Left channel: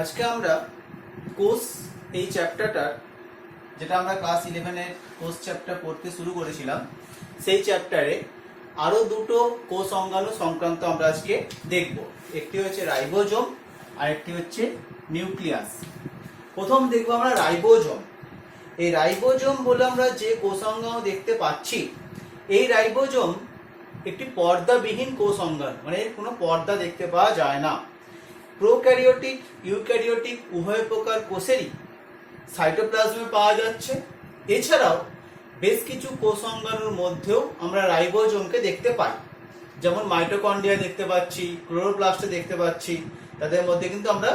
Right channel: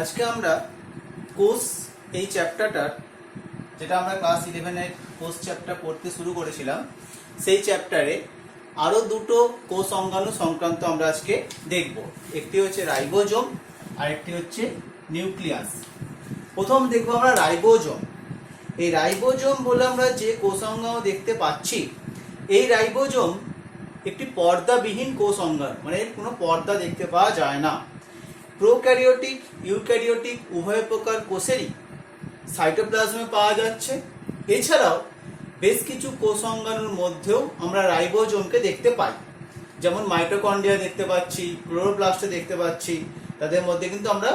আজকে আমরা কোষ এই চ্যাপ্টারটার যেটা আমরা ক্লাস 11 এর কোষ চ্যাপ্টার পড়তে শুরু করেছিলাম সেই চ্যাপ্টারে আরো দুটো কোষ অঙ্গাণু সংক্রান্ত আমরা আজকে দেখব। একটি হচ্ছে রাইবোজোম আর একটি হচ্ছে নিউক্লিয়াস। প্রথম দেখব আমরা রাইবোজোম। এই রাইবোজোম বলে আমরা যে কোষ অঙ্গাণু দেখতে পাচ্ছি, এই রাইবোজোম একটি পর্দাবিহীন কোষ অঙ্গাণু, মানে এর কোনো পর্দা দেখতে পাওয়া যায় না। প্রোক্যারিওটিক ইউক্যারিওটিক উভয় প্রকার কোষেরই সাইটোপ্লাজমে পাওয়া যাচ্ছে। এছাড়াও বেশ কিছু কোষ অঙ্গাণুর মধ্যেও আমরা রাইবোজোমকে দেখতে পাই, যেমন মাইটোকন্ড্রিয়া দেখতে পাচ্ছি, ক্লোরোপ্লাস্ট দেখতে পাচ্ছি, তাদের মধ্যে কিন্তু আমরা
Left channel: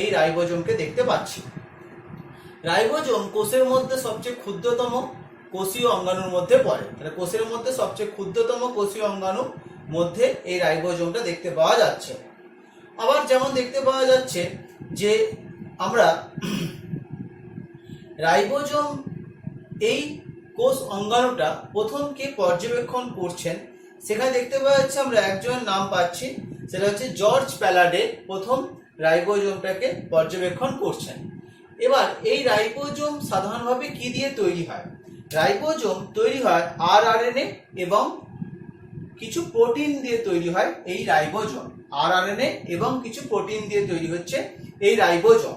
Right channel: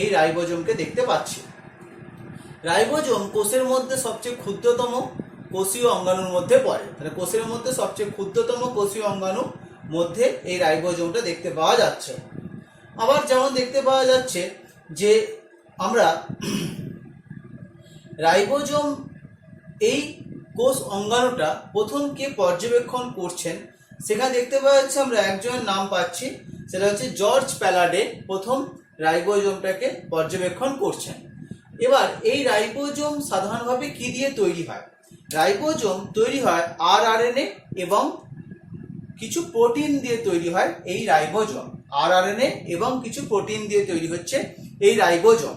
এই রাইবোজোমকে দেখতে পাচ্ছি। রাইবোজোম কোষের মধ্যে সবচেয়ে ক্ষুদ্রতম কোষীয় অঙ্গাণুর মধ্যে পড়ে। তাহলে কোষের মধ্যে সবচেয়ে ক্ষুদ্রতম কোষীয় অঙ্গাণুর মধ্যে এই রাইবোজোমটা দেখতে পাওয়া যাচ্ছে। আবার যেমন দেখতে পাওয়া যাচ্ছে যে আমরা রাইবোজোম এই কোষ অঙ্গাণুটা প্রথম কে পর্যবেক্ষণ করছেন, সেখানে দেখতে পাওয়া যাচ্ছে আমরা একজনের নাম পাচ্ছি, সেটা হচ্ছে জর্জ প্যালাডে প্রথম রাইবোজোমটাকে পর্যবেক্ষণ করছেন। এবার এই রাইবোজোম সাধারণভাবে কি দিয়ে তৈরি হয়? রাইবোজোম তৈরি হয় আরএনএ এবং কিছু প্রোটিন দিয়ে তৈরি হয় এই রাইবোজোম। আরএনএ এবং কিছু প্রোটিন দিয়ে তৈরি হচ্ছে এই রাইবোজোম।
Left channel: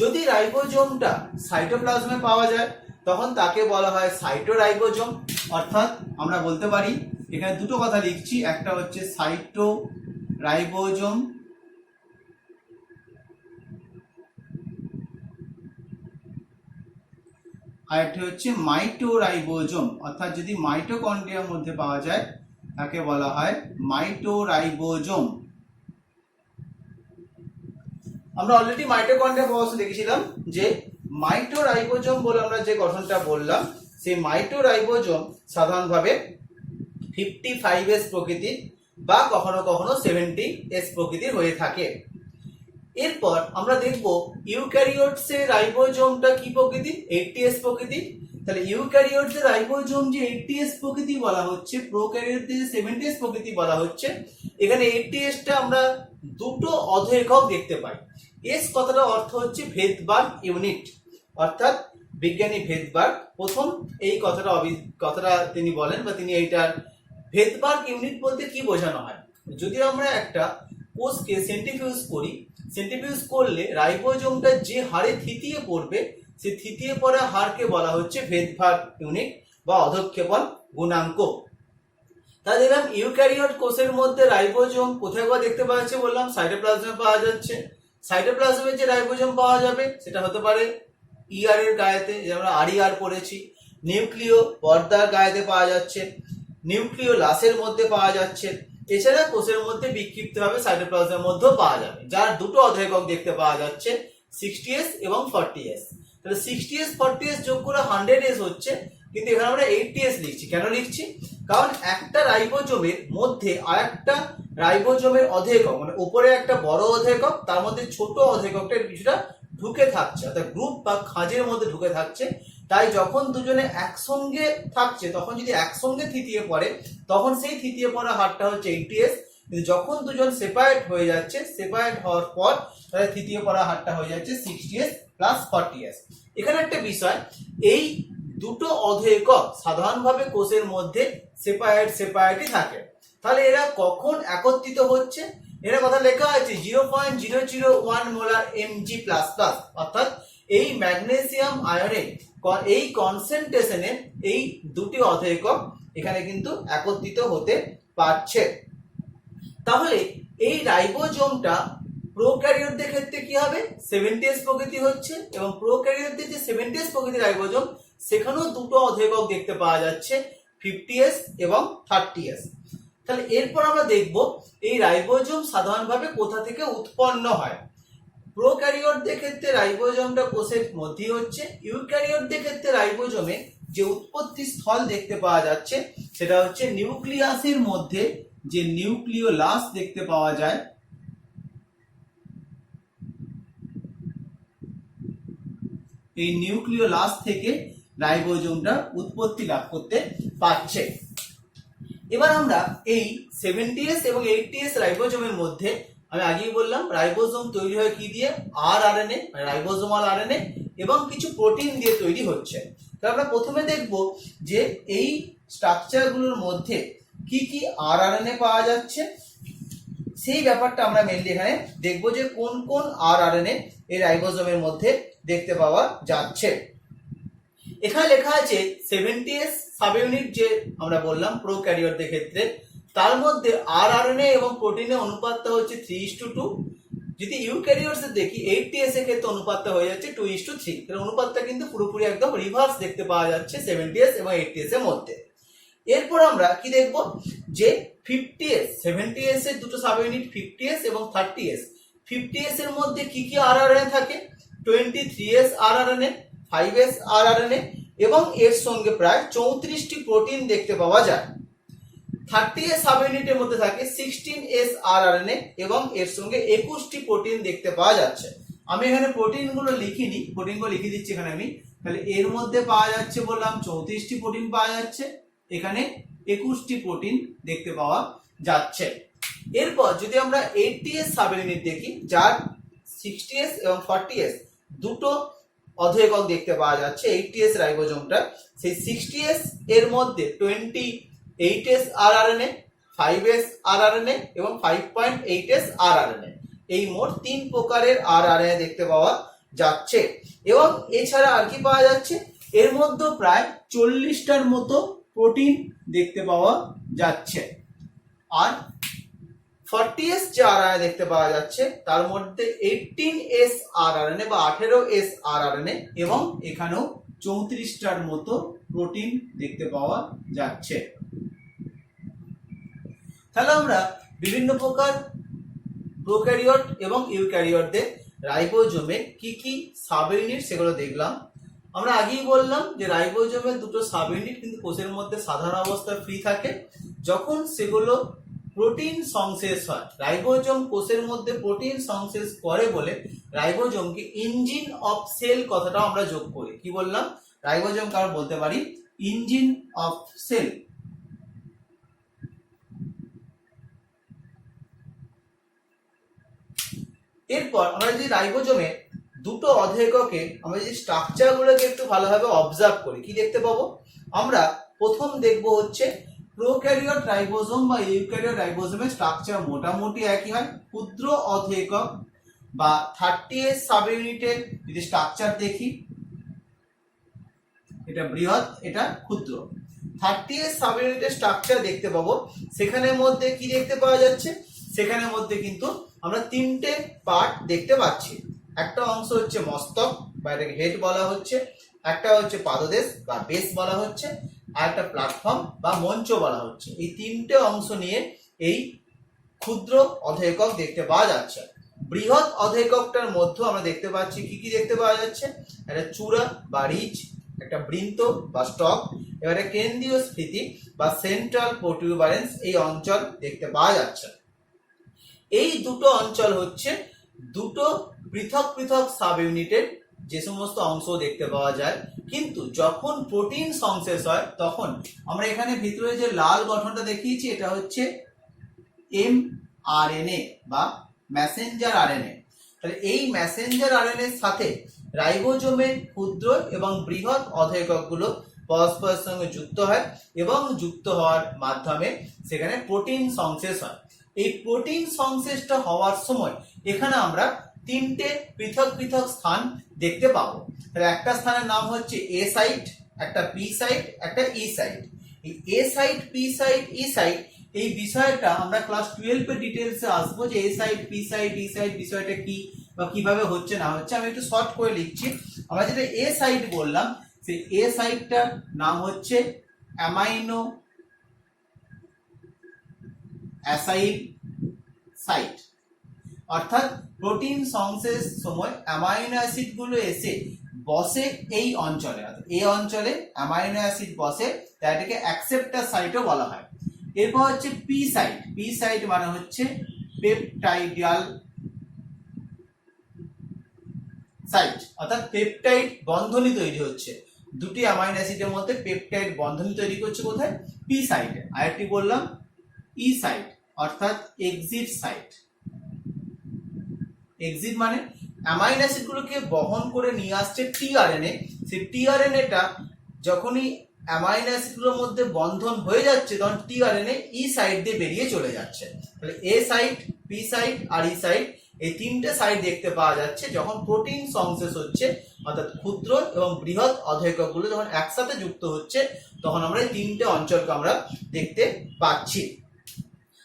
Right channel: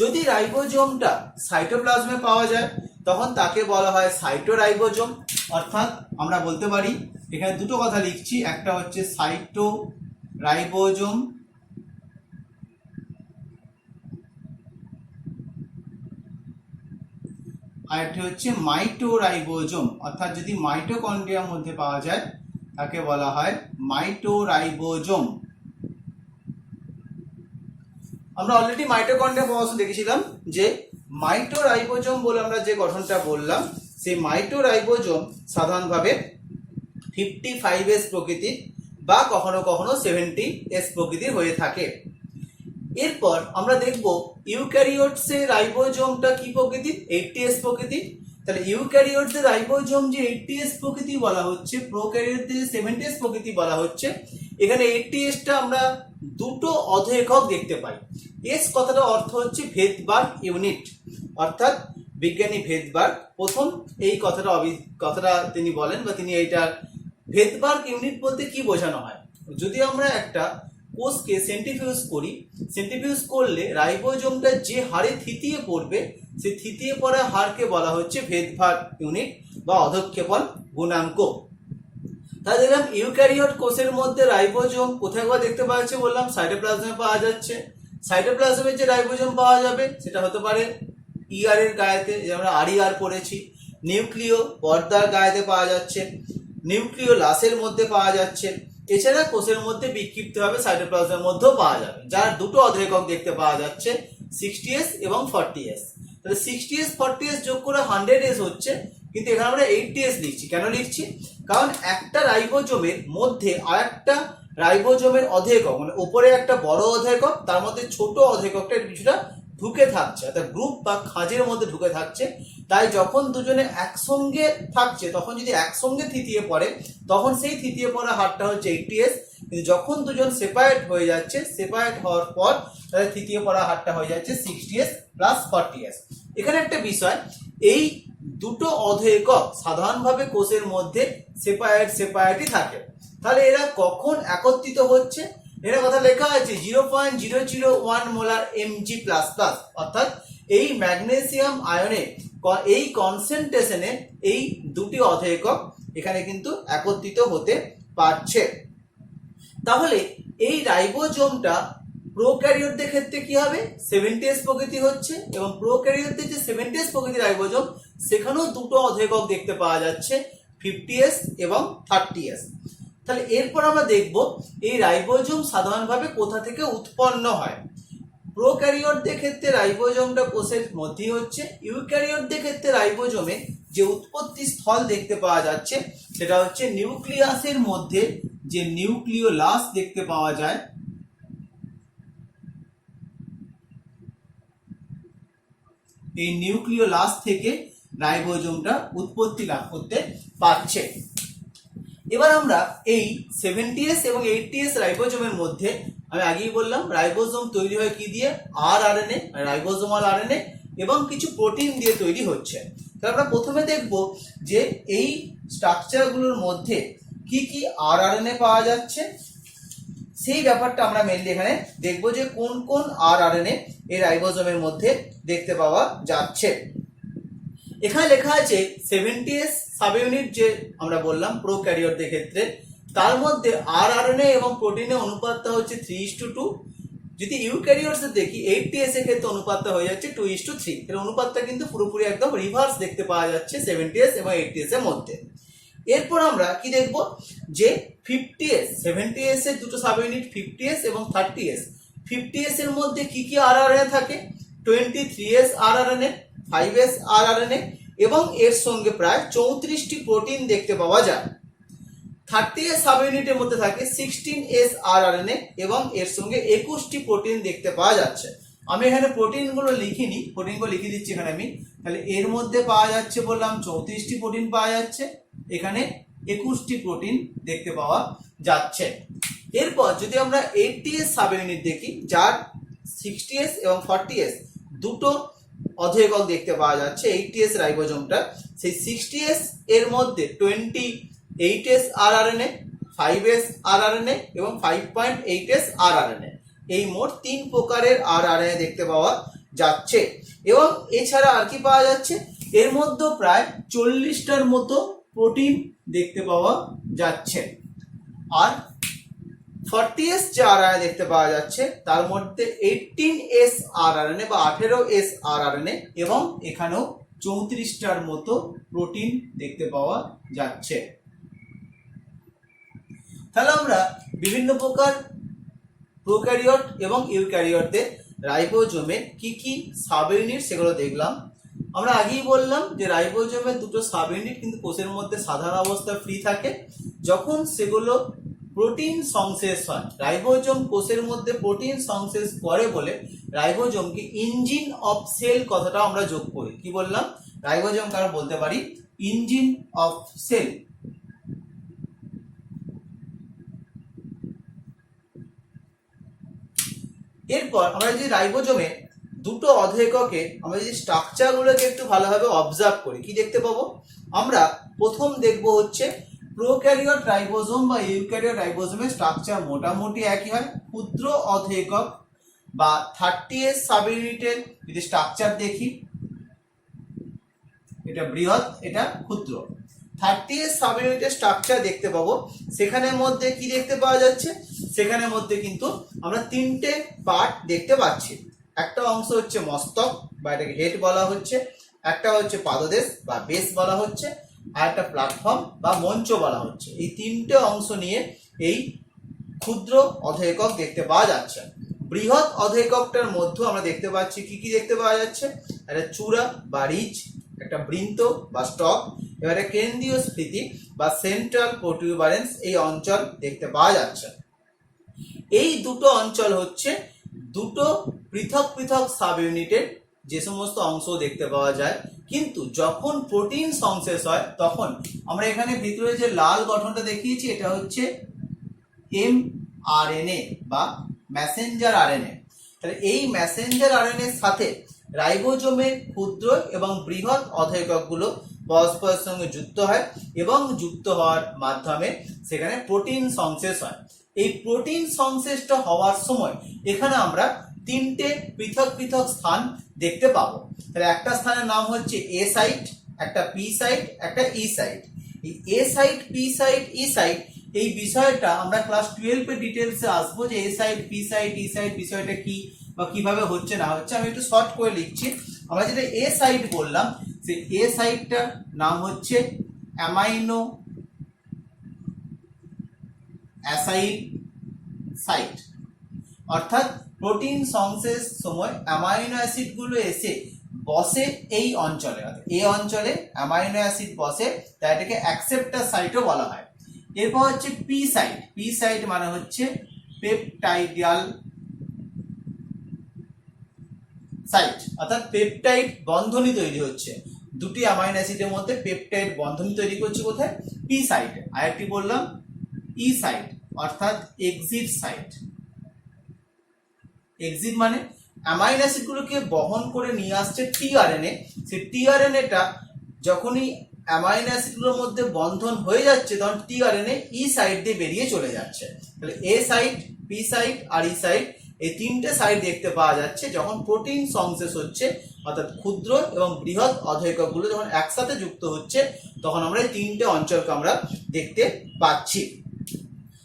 যদি রাইবোজোমটা সাইটোপ্লাজমে পাওয়া যায় তখন তাকে বলা হয় সাইটোরাইবোজোম। অর্থাৎ আমরা বলতে পারি, এখানে দুটো কথা লিখছি, একটা হচ্ছে সাইটোরাইবোজোম আর একটা হচ্ছে মাইটোরাইবোজোম। অর্থাৎ যদি মাইটোকন্ড্রিয়ার মধ্যে পাওয়া যায় তাকে বলা হয় মাইটোরাইবোজোম। আমরা অলরেডি মাইটোকন্ড্রিয়া পড়াশোনা দেখেছিলাম যে মাইটোরাইবোজোম বলে আমরা যে গঠনটা বললাম, সেই মাইটোরাইবোজোম সাধারণভাবে 55S প্রকৃতির বা কখনো কখনো 70S প্রকৃতির হয়ে থাকে। এরপর আমরা দেখব ইউক্যারিওটসের রাইবোজোমটা কি প্রকৃতির? 80S প্রকৃতির। তাহলে ইউক্যারিওটসের রাইবোজোম যে 80S প্রকৃতি বলা হচ্ছে, প্রোক্যারিওটসের যে 70S প্রকৃতি বলা হচ্ছে, এখানে 80Sটা আমরা দুটো অধ একক দেখতে পাই। এস কথাটার অর্থ হচ্ছে ভেদবার্গ ইউনিট, অর্থাৎ বিজ্ঞানী ভেদবার্গ প্রথম এই কথাটা তিনি বলেন, বা তিনি এইটার ভেদবার্গ ইউনিট বলতে কি বোঝানো হয়। যদি আমরা একটা কোষকে সেন্ট্রিফিউজ করি, সেন্ট্রিফিউজ করলে রাইবোজোমটা যে হারে থিতিয়ে পড়বে, সেই থিতিয়ে পড়া হারকে বলা হচ্ছে ভেদবার্গ ইউনিট বা অধঃক্ষেপণ গুণাঙ্ক। তাই দেখলাম ইউক্যারিওট কোষের মধ্যে রাইবোজোম কোথায় দেখতে পাওয়া যাচ্ছে বললাম, সাইটোপ্লাজমে পাওয়া যাচ্ছে। সাইটোপ্লাজমে যে রাইবোজোম পাওয়া যাবে সেটা হতে পারে ইআর এর গায়েতে, যে আমরা আরইআর পড়েছি। নিউক্লিয় পর্দার গায়েতে পাওয়া যাচ্ছে, নিউক্লিয় লাসের মধ্যে পাওয়া যাচ্ছে। এছাড়া কোষের মধ্যে বিক্ষিপ্তভাবে সাইটোপ্লাজমের মধ্যেও পাওয়া যাবে, যার দুটো অধ একক দেখতে পাওয়া যাচ্ছে, 60S এবং 40S। তাহলে 60S 40S যোগ করে 100S হচ্ছে, কিন্তু এখানে আমরা 80S লিখছি। কেন লিখছি? কারণ একটা রাইবোজোমের মধ্যে আর একটা রাইবোজোমের অধ একক, মানে উপরে একটা বড় অধ একক, তার মধ্যে ছোট অধ এককটা কিছুটা ঢুকে থাকছে, অর্থাৎ গ্রুপ বা খাঁজের মধ্যে ঢুকে থাকছে। তাই যখন দুজনে একসঙ্গে থাকছে, তখন যদি একসঙ্গে থিতিয়ে পড়ে, তখন সেই থিতিয়ে পড়া হারটা হচ্ছে 80S। কিন্তু যখন দুজন সেপারেট হয়ে যাচ্ছে, সেপারেট হওয়ার পর তাদের থিতিয়ে পড়া হারটা হয়ে যাচ্ছে 60S প্লাস 40S। এখানে একটা বিষয়, এই দুটো অধ একক সাধারণভাবে কোষের মধ্যে সেপারেটই থাকে। তাহলে এরা কখন একত্রিত হচ্ছে? এর কথা লেখা আছে 0.001 মোলার Mg++, অর্থাৎ এই ম্যাগনেসিয়াম আয়নের এই কনসেন্ট্রেশনে এই দুটি অধ একক এখানে কিন্তু একত্রিত হতে পারছে। তাহলে এই রাইবোজোমটা প্রোক্যারিওটদের ক্ষেত্রে কি হবে? 70S প্রকৃতি হচ্ছে, এবং প্রোক্যারিওটদের যে 70S প্রকৃতির রাইবোজোম, সেখানেও দুটো অধ একক দেখতে পাওয়া যাচ্ছে, 50S এবং 30S। তাহলে এরপর আমরা দেখব এই রাইবোজোম সাধারণভাবে কোথা থেকে উৎপন্ন হয়। প্রোক্যারিওটদের ক্ষেত্রে রাইবোজোমটা কোষের মধ্যেই হচ্ছে। ইউক্যারিওটদের ক্ষেত্রে রাইবোজোমে যে উৎপত্তি স্থল দেখতে পাওয়া যাচ্ছে সেটা হচ্ছে নিউক্লিয়াসের মধ্যে যে নিউক্লিওলাস দেখতে পাওয়া যায়, এই নিউক্লিওলাস থেকে রাইবোজোমটা উৎপত্তি লাভ করতে পারছে। এবার আমরা এই 70S এবং 80S রাইবোজোমের মধ্যে আমি আগেই বললাম রাইবোজোম তৈরি হয় কি দিয়ে, আরএনএ মানে রাইবোজোমাল আরএনএ এবং কিছু প্রোটিন দিয়ে তৈরি হচ্ছে। তাহলে আমরা প্রথমে দেখব যে এই স্ট্রাকচারগুলোর মধ্যে কি কি আরএনএ পাওয়া যাচ্ছে, সেই ব্যাপারটা আমরা মেনলি এখানে দেখব যে কোন কোন আরএনএ এই রাইবোজোমের মধ্যে দেখতে পাওয়া যাচ্ছে। এখানে লেখা আছে 70S সাব ইউনিট যে আমরা বললাম প্রোক্যারিওটদের ক্ষেত্রে, তার মধ্যে আরএনএ এবং প্রোটিনের অনুপাতটা হচ্ছে 3:2। যদি ইউক্যারিওটসে দেখি 80S এর ক্ষেত্রে অনুপাতটা হয়ে যাচ্ছে 2:3। এর অনুপাতটা কিন্তু পুরোপুরি একদম রিভার্স দেখতে পাওয়া যাচ্ছে 70S এবং 80S এর মধ্যে। এরপর আমরা কি দেখব যে 50S 70S এর দুটো সাব ইউনিট 50S এবং 30S। 50S এর মধ্যে কি কি আরআরএনএ থাকে, 23S আরআরএনএ, 5S আরআরএনএ এবং এর সঙ্গে প্রায় 34টি প্রোটিন দেখতে পাওয়া যায়। 30S সাব ইউনিটের মধ্যে থাকে 16S আরআরএনএ এবং এর সঙ্গে 21টি প্রোটিন দেখতে পাওয়া যাচ্ছে। আমি এখানে প্রোটিনগুলো লিখিনি, প্রোটিনগুলো লিখে দিচ্ছি এখানে আমি। তাহলে এর মধ্যে পাওয়া যাচ্ছে বললাম 34টি প্রোটিন পাওয়া যাচ্ছে, এখানে 21টি প্রোটিন দেখতে পাওয়া যাচ্ছে। এরপর যদি আমরা 80S সাব ইউনিট দেখি, যার 60S এবং 40S দুটো অধঃএকক দেখতে পাওয়া যাচ্ছে 80S রাইবোজোমটা, সেই 60S এর মধ্যে 28S আরআরএনএ, 5S আরআরএনএ এবং 5.8S আরআরএনএ, এই মোট 3 প্রকারের আরআরএনএ দেখতে পাওয়া যাচ্ছে। এবং এছাড়া আর কি পাওয়া যাচ্ছে, এর মধ্যে প্রায় 40টার মতো প্রোটিন দেখতে পাওয়া যাচ্ছে। আর 40S যে আরআরএনএ দেখতে পাওয়া যাচ্ছে তার মধ্যে 18S আরআরএনএ বা 18S আরআরএনএ এবং এখানেও 34টার মতো প্রোটিন দেখতে পাওয়া যাচ্ছে। তাহলে আমরা বিভিন্ন প্রকার প্রোক্যারিওট এবং ইউক্যারিওটদের রাইবোজোমে কি কি সাব ইউনিট সেগুলো দেখলাম। আমরা আগেই বললাম যে রাইবোজোমের দুটো সাব ইউনিট কিন্তু কোষের মধ্যে সাধারণ অবস্থায় ফ্রি থাকে, যখন সেগুলো প্রোটিন সংশ্লেষ হয়। রাইবোজোম কোষের মধ্যে প্রোটিন সংশ্লেষ করে বলে রাইবোজোমকে ইঞ্জিন অফ সেল কথাটা আমরা যোগ করি। কি বললাম, রাইবোজোম কারণ বলতে পারি ইঞ্জিন অফ সেল। এরপর আমরা যদি রাইবোজোমের দুটো অধঃএককে আমরা যদি স্ট্রাকচারগুলোকে একটু ভালোভাবে অবজার্ভ করি, কি দেখতে পাবো, আমরা প্রথম দেখবো হচ্ছে প্রোক্যারিওট রাইবোজোম বা ইউক্যারিওট রাইবোজোমের স্ট্রাকচার মোটামুটি একই হয়। ক্ষুদ্র অধঃএকক বা 30S সাব ইউনিটের যদি স্ট্রাকচার দেখি, এটা বৃহৎ, এটা ক্ষুদ্র। 30S সাব ইউনিটের স্ট্রাকচার দেখতে পাবো, সেখানের মধ্যে কি দেখতে পাওয়া যাচ্ছে, সেখানের মধ্যে কিন্তু আমরা 3টে পার্ট দেখতে পাচ্ছি। একটা অংশ হচ্ছে মস্তক বা এটাকে হেড বলা হচ্ছে, একটা হচ্ছে পাদদেশ বা বেস বলা হচ্ছে, আর একটা প্ল্যাটফর্ম বা মঞ্চ বলা হচ্ছে। এই 3টে অংশ নিয়ে এই ক্ষুদ্র অধঃএকক দেখতে পাওয়া যাচ্ছে। বৃহৎ অধঃএককটার মধ্যে আমরা দেখতে পাচ্ছি কি কি দেখতে পাওয়া যাচ্ছে, একটা চূড়া বা রিজ, একটা বৃন্ত বা স্টক, এবারে কেন্দ্রীয় স্ফীতি বা সেন্ট্রাল প্রোটিউবারেন্স, এই অঞ্চল দেখতে পাওয়া যাচ্ছে। এই দুটো অঞ্চল হচ্ছে দুটো পৃথক পৃথক সাব ইউনিটের যে সমস্ত অংশ দেখতে পাওয়া যায়। কিন্তু যখন প্রোটিন সংশ্লেষ হয় তখন আমরা এখানে ভিতরে যে লাল গঠনটা দেখিয়েছি, এটা হচ্ছে mRNA বা মেসেঞ্জার আরএনএ। তাহলে এই মেসেঞ্জার আরএনএর সাথে রাইবোজোমের ক্ষুদ্র এবং বৃহৎ অধঃএককগুলো পরস্পরের সঙ্গে যুক্ত হয় এবং যুক্ত হওয়ার মাধ্যমে সেখানে প্রোটিন সংশ্লেষ হয়। এই প্রোটিন সংশ্লেষটা হওয়ার সময় এখানে আমরা 3টে পৃথক পৃথক স্থান দেখতে পাবো। তাহলে একটা স্থানের নাম হচ্ছে এ সাইট, একটা পি সাইট, একটা ই সাইট। এই এ সাইট, পি সাইট, ই সাইট, এই বিষয়টা আমরা ক্লাস 12 এর ডিটেইলসে আসবো যে এ সাইট, পি সাইট, ই সাইট বিষয়টা কি বা কিভাবে হচ্ছে না হচ্ছে। আমি একটু শর্ট করে লিখছি। আমরা যেটা এ সাইট বললাম, সেই এ সাইটটার নাম হচ্ছে অ্যামাইনো অ্যাসাইল সাইট, অর্থাৎ প্রোটিন সংশ্লেষ সময় অ্যামাইনো অ্যাসিড গুলো এসে বসে এই অঞ্চলে, এই অঞ্চলে অ্যামাইনো অ্যাসিড বসে, তাই এটাকে অ্যাকসেপ্টার সাইটও বলা হয়। এরপর হচ্ছে পি সাইট। পি সাইট মানে হচ্ছে পেপটাইডিয়াল সাইট, অর্থাৎ পেপটাইড বন্ধনী তৈরি হচ্ছে। দুটি অ্যামাইনো অ্যাসিডের মধ্যে পেপটাইড বন্ধন তৈরি করছে কোথায়? পি সাইটে। আরেকটি বললাম ই সাইট অর্থাৎ এক্সিট সাইট। এক্সিট মানে অ্যামাইনো অ্যাসিডগুলোকে বহন করে নিয়ে আসছে টিআরএনএ। সেই টিআরএনএটা যখনই অ্যামাইনো অ্যাসিডগুলোর মধ্যে বন্ধন হয়ে যাচ্ছে তখন টিআরএনএ ই সাইড দিয়ে বেরিয়ে চলে যাচ্ছে। তাহলে এ সাইট, পি সাইট আর ই সাইট, এই তিনটে সাইড দেখতে পাওয়া যাচ্ছে যখন প্রোটিন সংশ্লেষ হচ্ছে, অর্থাৎ ক্ষুদ্র এবং বৃহৎ অধঃকগুলো যখন একসাথে যুক্ত হচ্ছে তখন আমরা এই তিনটে অঞ্চলকে আমরা দেখতে পাচ্ছি।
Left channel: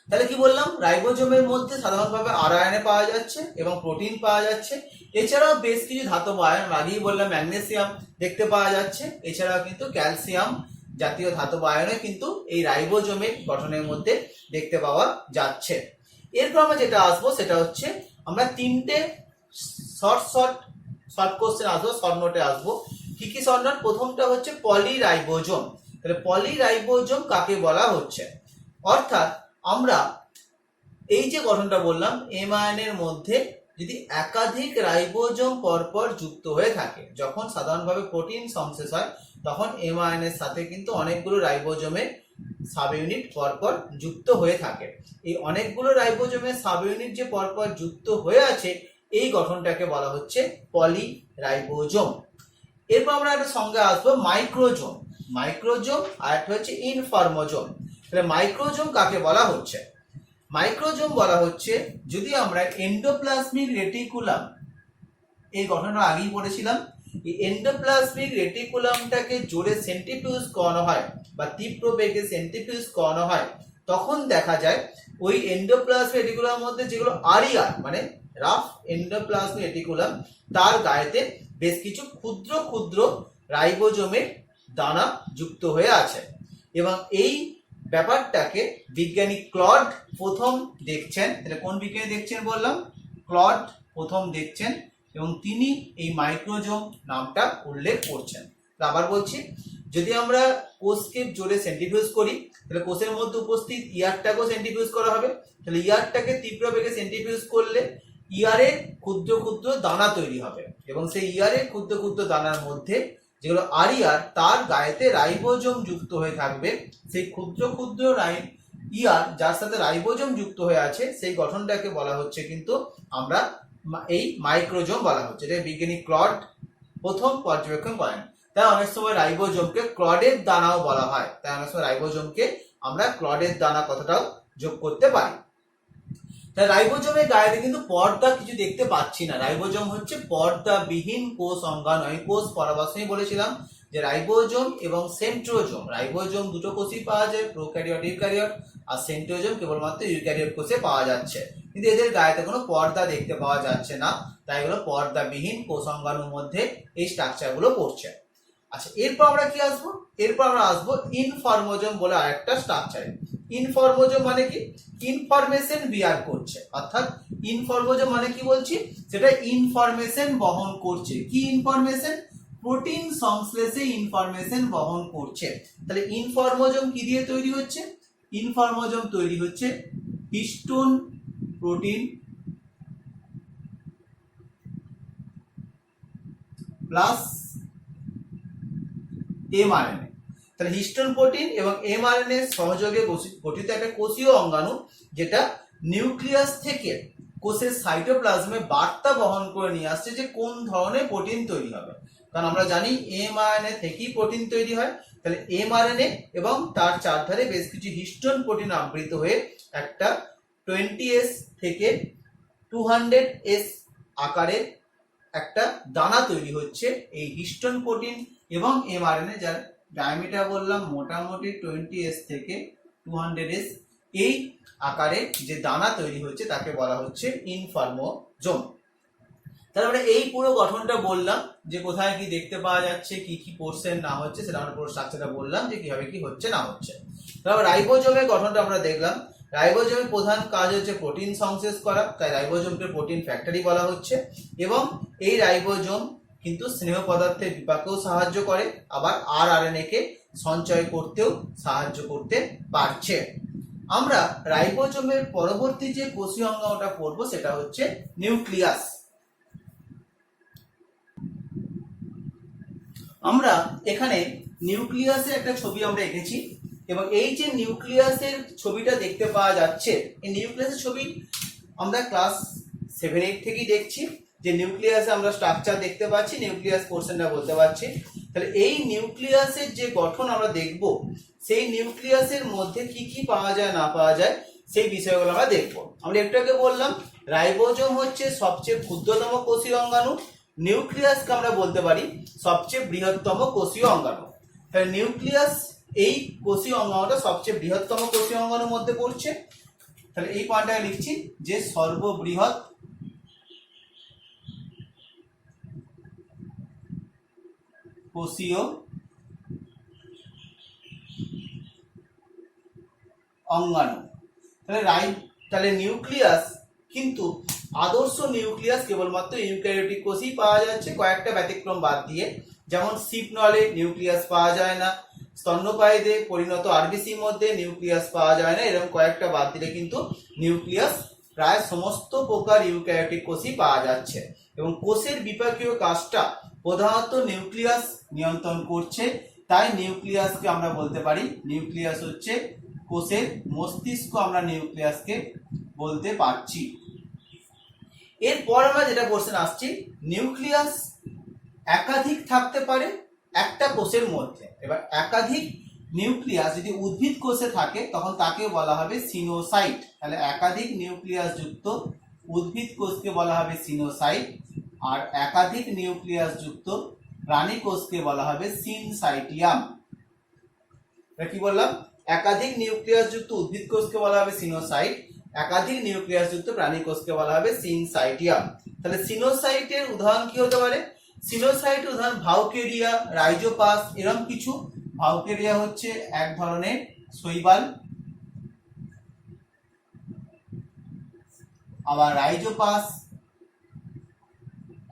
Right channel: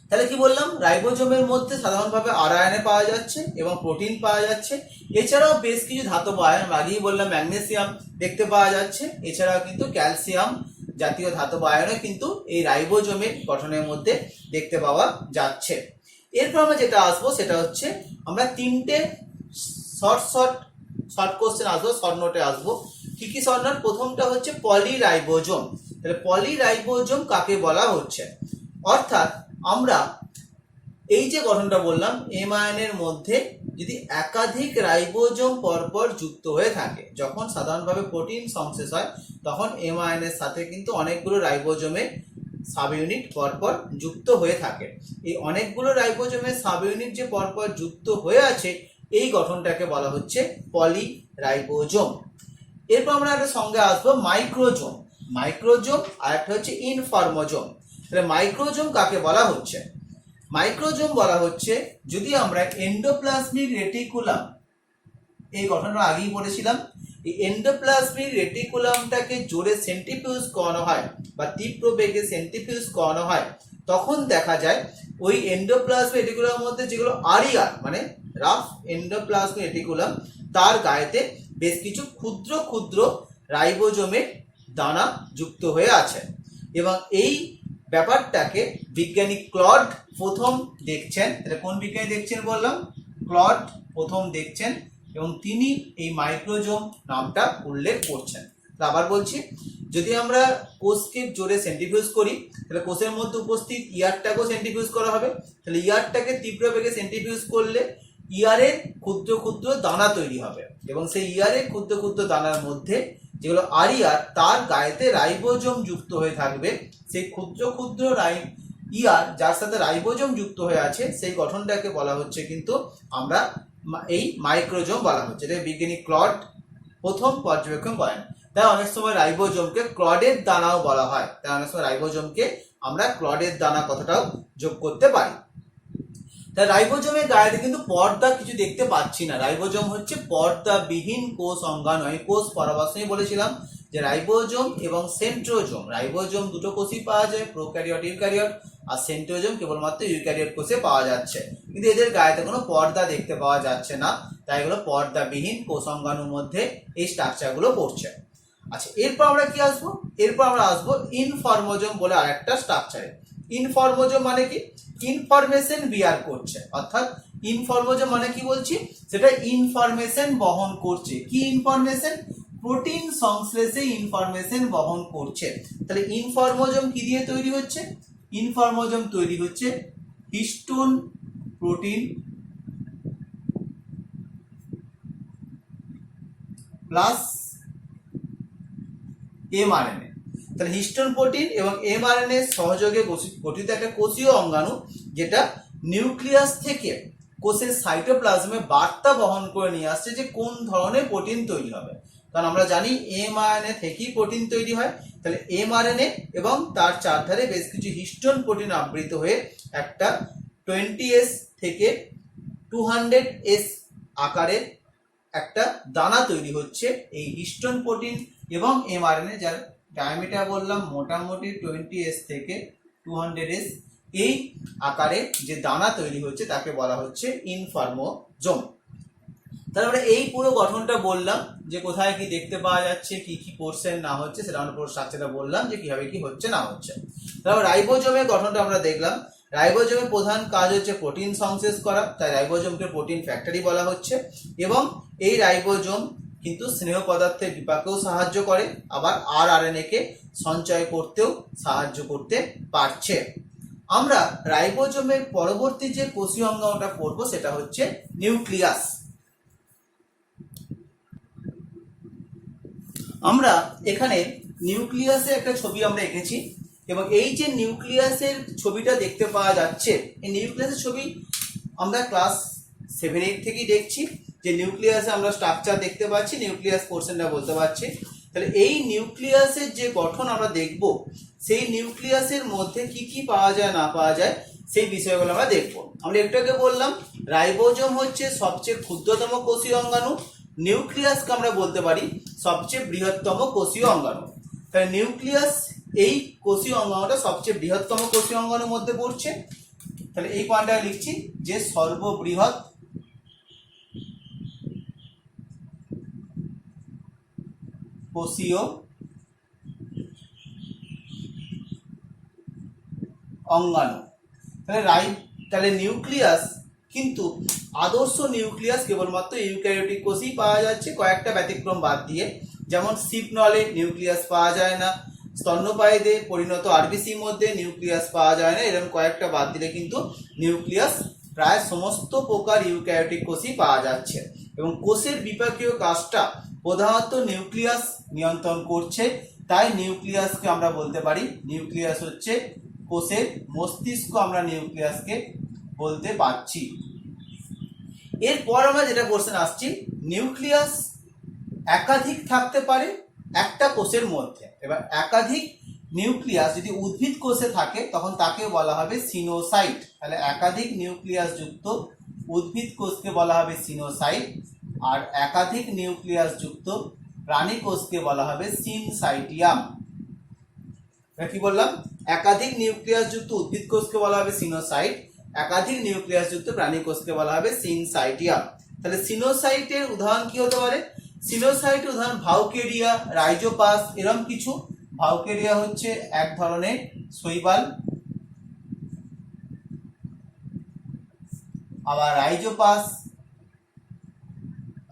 তাহলে কি বললাম? রাইবোজোমের মধ্যে সাধারণভাবে আরএনএ পাওয়া যাচ্ছে এবং প্রোটিন পাওয়া যাচ্ছে। এছাড়াও বেশ কিছু ধাতব আয়ন, আগেই বললাম ম্যাগনেসিয়াম দেখতে পাওয়া যাচ্ছে। এছাড়াও কিন্তু ক্যালসিয়াম জাতীয় ধাতব আয়নও কিন্তু এই রাইবোজোমের গঠনের মধ্যে দেখতে পাওয়া যাচ্ছে। এরপর আমরা যেটা আসবো সেটা হচ্ছে আমরা তিনটে শর্ট কোশ্চেন আসবো, শর্ট নোটে আসবো। কি কি শর্ট নোট? প্রথমটা হচ্ছে পলিরাইবোজোম। তাহলে পলিরাইবোজোম কাকে বলা হচ্ছে? অর্থাৎ আমরা এই যে গঠনটা বললাম, এম আয়নের মধ্যে যদি একাধিক রাইবোজোম পরপর যুক্ত হয়ে থাকে, যখন সাধারণভাবে প্রোটিন সংশ্লেষ হয় তখন এম আয়নের সাথে কিন্তু অনেকগুলো রাইবোজোমের সাব ইউনিট পরপর যুক্ত হয়ে থাকে। এই অনেকগুলো রাইবোজোমের সাব ইউনিট যে পরপর যুক্ত হয়ে আছে এই গঠনটাকে বলা হচ্ছে পলিরাইবোজোম। এরপর আমরা একটা সঙ্গে আসবো মাইক্রোজোম। মাইক্রোজোম আর একটা হচ্ছে ইনফর্মোজোম। তাহলে মাইক্রোজোম কাকে বলা হচ্ছে? মাইক্রোজোম বলা হচ্ছে যদি আমরা এন্ডোপ্লাজমিক রেটিকুলাম, এই গঠনটা আগেই পড়েছিলাম, এই এন্ডোপ্লাজমিক রেটিকুলামটাকে জোরে সেন্ট্রিফিউজ করানো হয় বা তীব্র বেগে সেন্ট্রিফিউজ করানো হয় তখন দেখা যায় ওই এন্ডোপ্লাজমিক রেটিকুলামের মধ্যে যেগুলো আরিয়ার মানে রাফ এন্ডোপ্লাজমিক রেটিকুলাম, তার গায়েতে বেশ কিছু ক্ষুদ্র ক্ষুদ্র রাইবোজোমের দানা যুক্ত হয়ে আছে। এবং এই ব্যাপারটাকে বিজ্ঞানী ক্লড প্রথম দেখছেন। তাহলে কোন বিজ্ঞানী দেখছেন বললাম? ক্লড প্রথম দেখছেন এবং তিনি এই মাইক্রোজোম নামটা উল্লেখ করছেন। আবার বলছি, যদি আমরা কোষকে জোরে সেন্ট্রিফিউজ করি তাহলে কোষের মধ্যে উপস্থিত ইয়ারটাকেও সেন্ট্রিফিউজ করা হবে। তাহলে ইয়ারটাকে তীব্র বেগে সেন্ট্রিফিউজ করলে ইয়ারের ক্ষুদ্র ক্ষুদ্র দানা তৈরি হবে এবং সেই ইয়ারের ক্ষুদ্র ক্ষুদ্র দানার মধ্যে যেগুলো আরিয়ার তার গায়েতে রাইবোজোম যুক্ত হয়ে থাকবে। সেই ক্ষুদ্র ক্ষুদ্র ইয়ার যার সাথে রাইবোজোম যুক্ত হয়ে আছে সেই গঠনটাকে বলা হচ্ছে কিন্তু আমরা এই মাইক্রোজোম বলা হচ্ছে। এটা বিজ্ঞানী ক্লড প্রথম পর্যবেক্ষণ করেন। তাই অনেক সময় রাইবোজোমকে ক্লডের দানাও বলা হয়। তাই অনেক সময় রাইবোজোমকে আমরা ক্লডের দানা কথাটাও যোগ করতে পারি। তাই রাইবোজোমের গায়ে কিন্তু পর্দা কিছু দেখতে পাচ্ছি না। রাইবোজোম হচ্ছে পর্দাবিহীন কোষ অঙ্গাণু। আমি কোষ পরামর্শেই বলেছিলাম যে রাইবোজোম এবং সেন্ট্রোজোম, রাইবোজোম দুটো কোষই পাওয়া যায়, প্রোক্যারিওট ইউক্যারিওট, আর সেন্ট্রোজোম কেবলমাত্র ইউক্যারিওট কোষে পাওয়া যাচ্ছে। কিন্তু এদের গায়েতে কোনো পর্দা দেখতে পাওয়া যাচ্ছে না, তাই এগুলো পর্দাবিহীন কোষ অঙ্গাণুর মধ্যে এই স্ট্রাকচারগুলো পড়ছে। আচ্ছা, এরপর আমরা কি আসবো? এরপর আমরা আসবো ইনফর্মোজোম বলে আরেকটা স্ট্রাকচারে। ইনফর্মোজোম মানে কি? ইনফরমেশন বিয়ার করছে। অর্থাৎ ইনফর্মোজোম মানে কি বলছি? সেটা ইনফরমেশন বহন করছে। কি ইনফরমেশন? প্রোটিন সংশ্লেষে ইনফরমেশন বহন করছে। তাহলে ইনফর্মোজোম কি দিয়ে তৈরি হচ্ছে? ইনফর্মোজোম তৈরি হচ্ছে হিস্টোন প্রোটিন প্লাস এমআরএনএ। তাহলে হিস্টোন প্রোটিন এবং এমআরএনএ সহযোগে গঠিত একটা কোষীয় অঙ্গাণু, যেটা নিউক্লিয়াস থেকে কোষের সাইটোপ্লাজমে বার্তা বহন করে নিয়ে আসছে যে কোন ধরনের প্রোটিন তৈরি হবে। কারণ আমরা জানি এমআরএনএ থেকেই প্রোটিন তৈরি হয়। তাহলে এমআরএনএ এবং তার চারধারে বেশ কিছু হিস্টোন প্রোটিন আবৃত হয়ে একটা 20S থেকে 200S আকারের একটা দানা তৈরি হচ্ছে। এই হিস্টোন প্রোটিন এবং এমআরএনএ যার ডায়ামিটার বললাম মোটামুটি 20S থেকে 200S, এই আকারে যে দানা তৈরি হচ্ছে তাকে বলা হচ্ছে ইনফর্মোজোম। তারপরে এই পুরো গঠনটা বললাম যে কোথায় কি দেখতে পাওয়া যাচ্ছে, কি কি পোর্শন না হচ্ছে, সেটা আমরা পুরো স্ট্রাকচারটা বললাম যে কিভাবে কি হচ্ছে না হচ্ছে। তারপর রাইবোজোমের গঠনটা আমরা দেখলাম। রাইবোজোমের প্রধান কাজ হচ্ছে প্রোটিন সংশ্লেষ করা, তাই রাইবোজোমকে প্রোটিন ফ্যাক্টরি বলা হচ্ছে। এবং এই রাইবোজোম কিন্তু স্নেহ পদার্থের বিপাকেও সাহায্য করে, আবার আরএনএ কে সঞ্চয় করতেও সাহায্য করতে পারছে। আমরা রাইবোজোমের পরবর্তী যে কোষীয় অঙ্গাণুটা পড়বো সেটা হচ্ছে নিউক্লিয়াস। আমরা এখানে নিউক্লিয়াসের একটা ছবি আমরা এঁকেছি এবং এই যে নিউক্লিয়াসের ছবিটা দেখতে পাওয়া যাচ্ছে, এই নিউক্লিয়াসের ছবি আমরা ক্লাস 7-8 থেকেই দেখছি যে নিউক্লিয়াসে আমরা স্ট্রাকচার দেখতে পাচ্ছি, নিউক্লিয়াস পোর্শনটা বলতে পারছি। তাহলে এই নিউক্লিয়াসের যে গঠন আমরা দেখব, সেই নিউক্লিয়াসের মধ্যে কি কি পাওয়া যায় না পাওয়া যায় সেই বিষয়গুলো আমরা দেখব। আমরা একটু আগে বললাম রাইবোজোম হচ্ছে সবচেয়ে ক্ষুদ্রতম কোষীয় অঙ্গাণু, নিউক্লিয়াসকে আমরা বলতে পারি সবচেয়ে বৃহত্তম কোষীয় অঙ্গাণু। তাহলে নিউক্লিয়াস এই কোষীয় অঙ্গাণুটা সবচেয়ে বৃহত্তম কোষীয় অঙ্গাণুর মধ্যে পড়ছে। তাহলে এই পয়েন্টটা লিখছি যে সর্ববৃহৎ কোষীয় অঙ্গাণু। তাহলে নিউক্লিয়াস কিন্তু আদর্শ নিউক্লিয়াস কেবলমাত্র ইউক্যারিওটিক কোষেই পাওয়া যাচ্ছে, কয়েকটা ব্যতিক্রম বাদ দিয়ে। যেমন শিপনলে নিউক্লিয়াস পাওয়া যায় না, স্তন্যপায়ীদের পরিণত আরবিসির মধ্যে নিউক্লিয়াস পাওয়া যায় না, এরকম কয়েকটা বাদ দিলে কিন্তু নিউক্লিয়াস প্রায় সমস্ত প্রকার ইউক্যারিওটিক কোষেই পাওয়া যাচ্ছে। এবং কোষের বিপাকীয় কাজটা প্রধানত নিউক্লিয়াস নিয়ন্ত্রণ করছে, তাই নিউক্লিয়াসকে আমরা বলতে পারি নিউক্লিয়াস হচ্ছে কোষের মস্তিষ্ক, আমরা নিউক্লিয়াসকে বলতে পারছি। এরপর আমরা যেটা কোশ্চেন আসছি, নিউক্লিয়াস একাধিক থাকতে পারে একটা কোষের মধ্যে। এবার একাধিক নিউক্লিয়াস যদি উদ্ভিদ কোষে থাকে তখন তাকে বলা হবে সিনোসাইট। তাহলে একাধিক নিউক্লিয়াস যুক্ত উদ্ভিদ কোষকে বলা হবে সিনোসাইট, আর একাধিক নিউক্লিয়াস যুক্ত প্রাণী কোষকে বলা হবে সিনসাইটিয়াম। কি বললাম? একাধিক নিউক্লিয়াস যুক্ত উদ্ভিদ কোষকে বলা হবে সিনোসাইট, একাধিক নিউক্লিয়াস যুক্ত প্রাণী কোষকে বলা হবে সিনসাইটিয়াম। তাহলে সিনোসাইটের উদাহরণ কি হতে পারে? সিনোসাইটের উদাহরণ ভাউকেরিয়া, রাইজোপাস, এরকম কিছু। ভাউকেরিয়া হচ্ছে এক ধরনের শৈবাল, আবার রাইজোপাস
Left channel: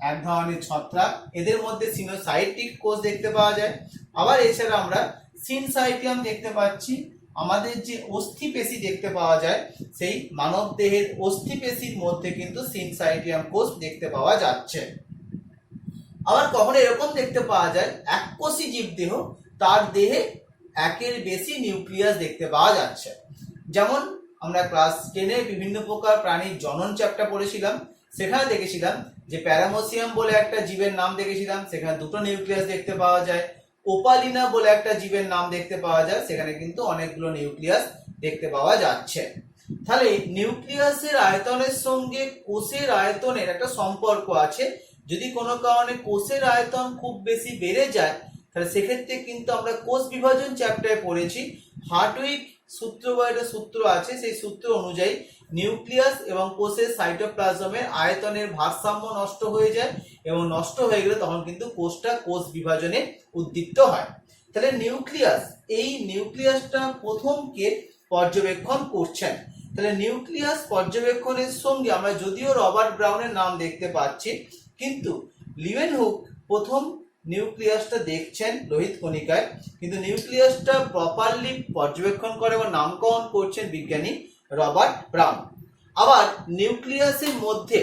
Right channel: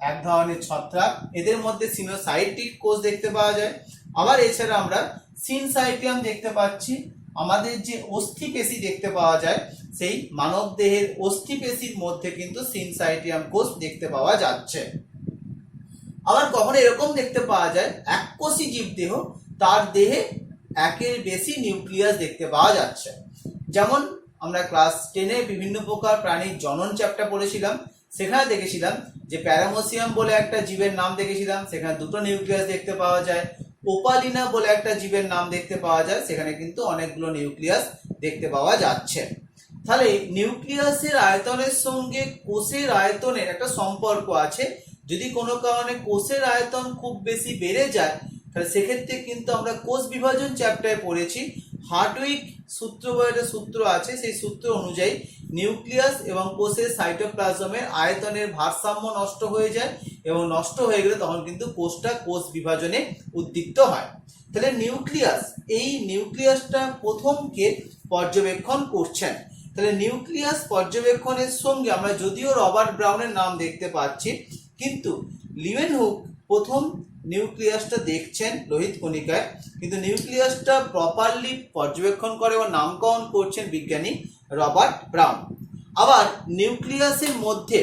এক ধরনের ছত্রাক, এদের মধ্যে সিনোসাইটিক কোষ দেখতে পাওয়া যায়। আবার এছাড়া আমরা সিনসাইটিয়াম দেখতে পাচ্ছি, আমাদের যে অস্থিপেশি দেখতে পাওয়া যায় সেই মানব দেহের অস্থিপেশির মধ্যে কিন্তু সিনসাইটিয়াম কোষ দেখতে পাওয়া যাচ্ছে। আবার কখনো এরকম দেখতে পাওয়া যায় এককোষী জীবদেহ, তার দেহে একের বেশি নিউক্লিয়াস দেখতে পাওয়া যাচ্ছে। যেমন আমরা ক্লাস 10-এ বিভিন্ন প্রকার প্রাণীর জনন চ্যাপ্টার পড়েছিলাম, সেখানে দেখেছিলাম যে প্যারামোসিয়াম বলে একটা জীবের নাম দেখেছিলাম, সেখানে দুটো নিউক্লিয়াস দেখতে পাওয়া যায়। ওপালিনা বলে একটা জীবের নাম দেখতে পাওয়া যায়, সেখানে কিন্তু অনেকগুলো নিউক্লিয়াস দেখতে পাওয়া যাচ্ছে। তাহলে নিউক্লিয়াসের আয়তনের সঙ্গে কোষের আয়তনের একটা সম্পর্ক আছে। যদি কোনো কারণে কোষের আয়তন খুব বেশি বেড়ে যায় তাহলে সেক্ষেত্রে কিন্তু আমরা কোষ বিভাজন চ্যাপ্টারে পড়েছি, হার্টউইক সূত্র বলে একটা সূত্র আছে, সেই সূত্র অনুযায়ী নিউক্লিয়াস এবং কোষের সাইটোপ্লাজমের আয়তনের ভারসাম্য নষ্ট হয়ে যায় এবং নষ্ট হয়ে গেলে তখন কিন্তু কোষটা কোষ বিভাজনে উদ্দীপ্ত হয়। তাহলে নিউক্লিয়াস, এই নিউক্লিয়াসটা প্রথম কে পর্যবেক্ষণ করছেন? তাহলে নিউক্লিয়াস পর্যবেক্ষণের সঙ্গে আমরা যদিও রবার্ট ব্রাউনের নাম দেখতে পাচ্ছি, কিন্তু লিউয়েনহুক প্রথম নিউক্লিয়াসটা দেখছেন লোহিত কণিকায়, কিন্তু নিউক্লিয়াসটা প্রপারলি পর্যবেক্ষণ করে ও নামকরণ করছেন বিজ্ঞানী রবার্ট ব্রাউন। আবার নিউক্লিয়াসের মধ্যে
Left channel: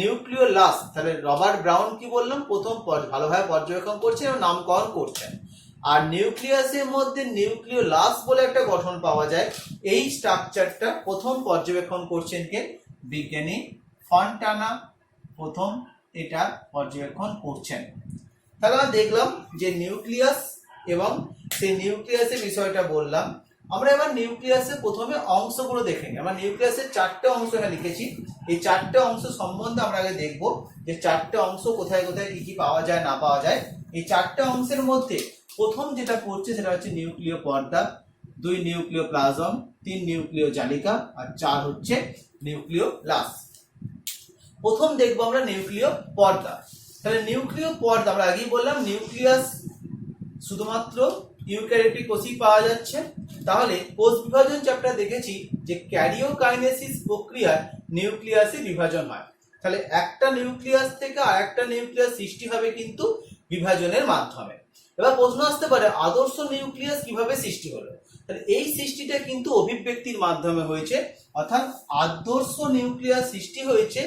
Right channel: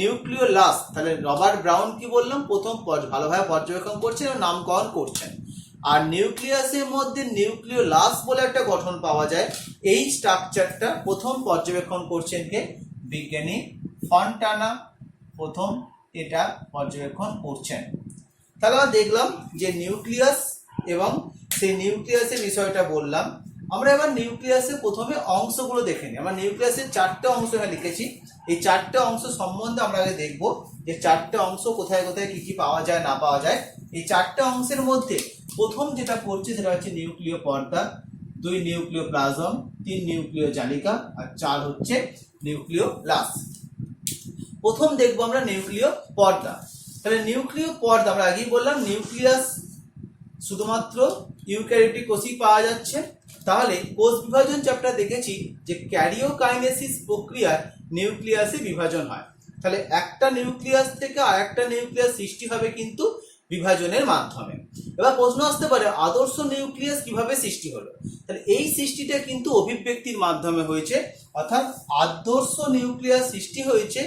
নিউক্লিওলাস, তাহলে রবার্ট ব্রাউন কি বললাম, প্রথম ভালোভাবে পর্যবেক্ষণ করছেন এবং নামকরণ করছেন। আর নিউক্লিয়াসের মধ্যে নিউক্লিওলাস বলে একটা গঠন পাওয়া যায়, এই স্ট্রাকচারটা প্রথম পর্যবেক্ষণ করছেন কে? বিজ্ঞানী ফন্টানা প্রথম এটা পর্যবেক্ষণ করছেন। তাহলে আমরা দেখলাম যে নিউক্লিয়াস এবং সেই নিউক্লিয়াসের বিষয়টা বললাম। আমরা এবার নিউক্লিয়াসের প্রথমে অংশগুলো দেখে নিই। আমরা নিউক্লিয়াসের 4টে অংশ এখানে লিখেছি, এই 4টে অংশ সম্বন্ধে আমরা আগে দেখব যে 4টে অংশ কোথায় কোথায় কি কি পাওয়া যায় না পাওয়া যায়। এই 4টে অংশের মধ্যে প্রথম যেটা পড়ছে সেটা হচ্ছে নিউক্লিয় পর্দা, 2 নিউক্লিয় প্লাজম, 3 নিউক্লিয় জালিকা, আর 4 হচ্ছে নিউক্লিওলাস। প্রথম দেখবো আমরা নিউক্লিয় পর্দা। তাহলে নিউক্লিয় পর্দা আমরা আগেই বললাম নিউক্লিয়াস শুধুমাত্র ইউক্যারিওটিক কোষেই পাওয়া যাচ্ছে। তাহলে কোষ বিভাজন চ্যাপ্টার দেখেছি যে ক্যারিওকাইনেসিস প্রক্রিয়ায় নিউক্লিয়াসে বিভাজন হয়। তাহলে একটা নিউক্লিয়াস থেকে আরেকটা নিউক্লিয়াস সৃষ্টি হবে কিন্তু বিভাজনের মাধ্যমে। এবার প্রশ্ন আসতে পারে আদর্শ নিউক্লিয়াস কিভাবে সৃষ্টি হলো? তাহলে এই সৃষ্টিটা কিন্তু অভিব্যক্তির মাধ্যমে হয়েছে, অর্থাৎ আদর্শ নিউক্লিয়াস সৃষ্টি হয়েছে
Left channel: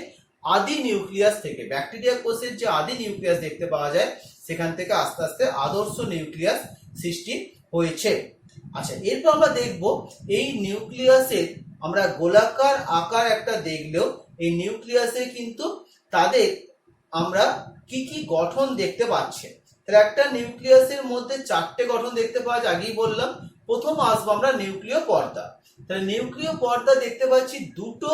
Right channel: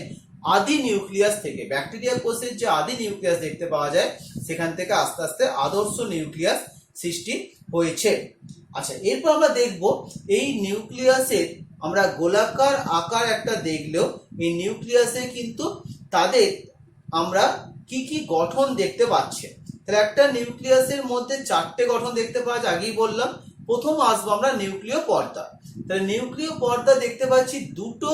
আদি নিউক্লিয়াস থেকে, ব্যাকটেরিয়া কোষের যে আদি নিউক্লিয়াস দেখতে পাওয়া যায় সেখান থেকে আস্তে আস্তে আদর্শ নিউক্লিয়াস সৃষ্টি হয়েছে। আচ্ছা, এরপর আমরা দেখব এই নিউক্লিয়াসের আমরা গোলাকার আকার একটা দেখলেও এই নিউক্লিয়াসে কিন্তু তাদের আমরা কি কি গঠন দেখতে পাচ্ছি। তাহলে একটা নিউক্লিয়াসের মধ্যে 4টে গঠন দেখতে পাওয়া যায়, আগেই বললাম। প্রথম আসবো আমরা নিউক্লিয় পর্দা। তাহলে নিউক্লিয় পর্দা দেখতে পাচ্ছি দুটো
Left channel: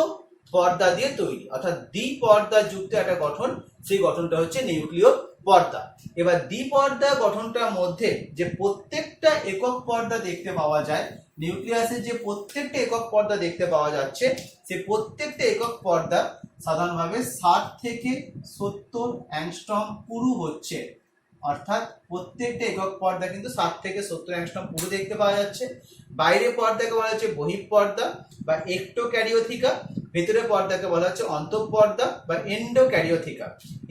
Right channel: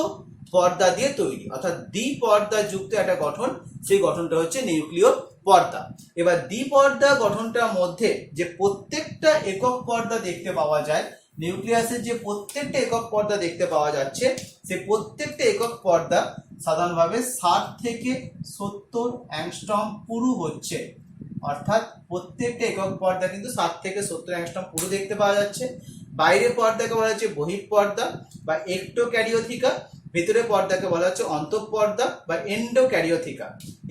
পর্দা দিয়ে তৈরি, অর্থাৎ দ্বিপর্দা যুক্ত একটা গঠন, সেই গঠনটা হচ্ছে নিউক্লিয় পর্দা। এবার দ্বিপর্দা গঠনটার মধ্যে যে প্রত্যেকটা একক পর্দা দেখতে পাওয়া যায়, নিউক্লিয়াসের যে প্রত্যেকটা একক পর্দা দেখতে পাওয়া যাচ্ছে, সেই প্রত্যেকটা একক পর্দা সাধারণভাবে 60 থেকে 70 অ্যাংস্ট্রম পুরু হচ্ছে, অর্থাৎ প্রত্যেকটা একক পর্দা কিন্তু 60 থেকে 70 অ্যাংস্ট্রম পুরু দেখতে পাওয়া যাচ্ছে। বাইরের পর্দাকে বলা হচ্ছে বহিঃপর্দা বা একটোক্যারিওথিকা, ভেতরের পর্দাকে বলা হচ্ছে অন্তঃপর্দা বা এন্ডোক্যারিওথিকা।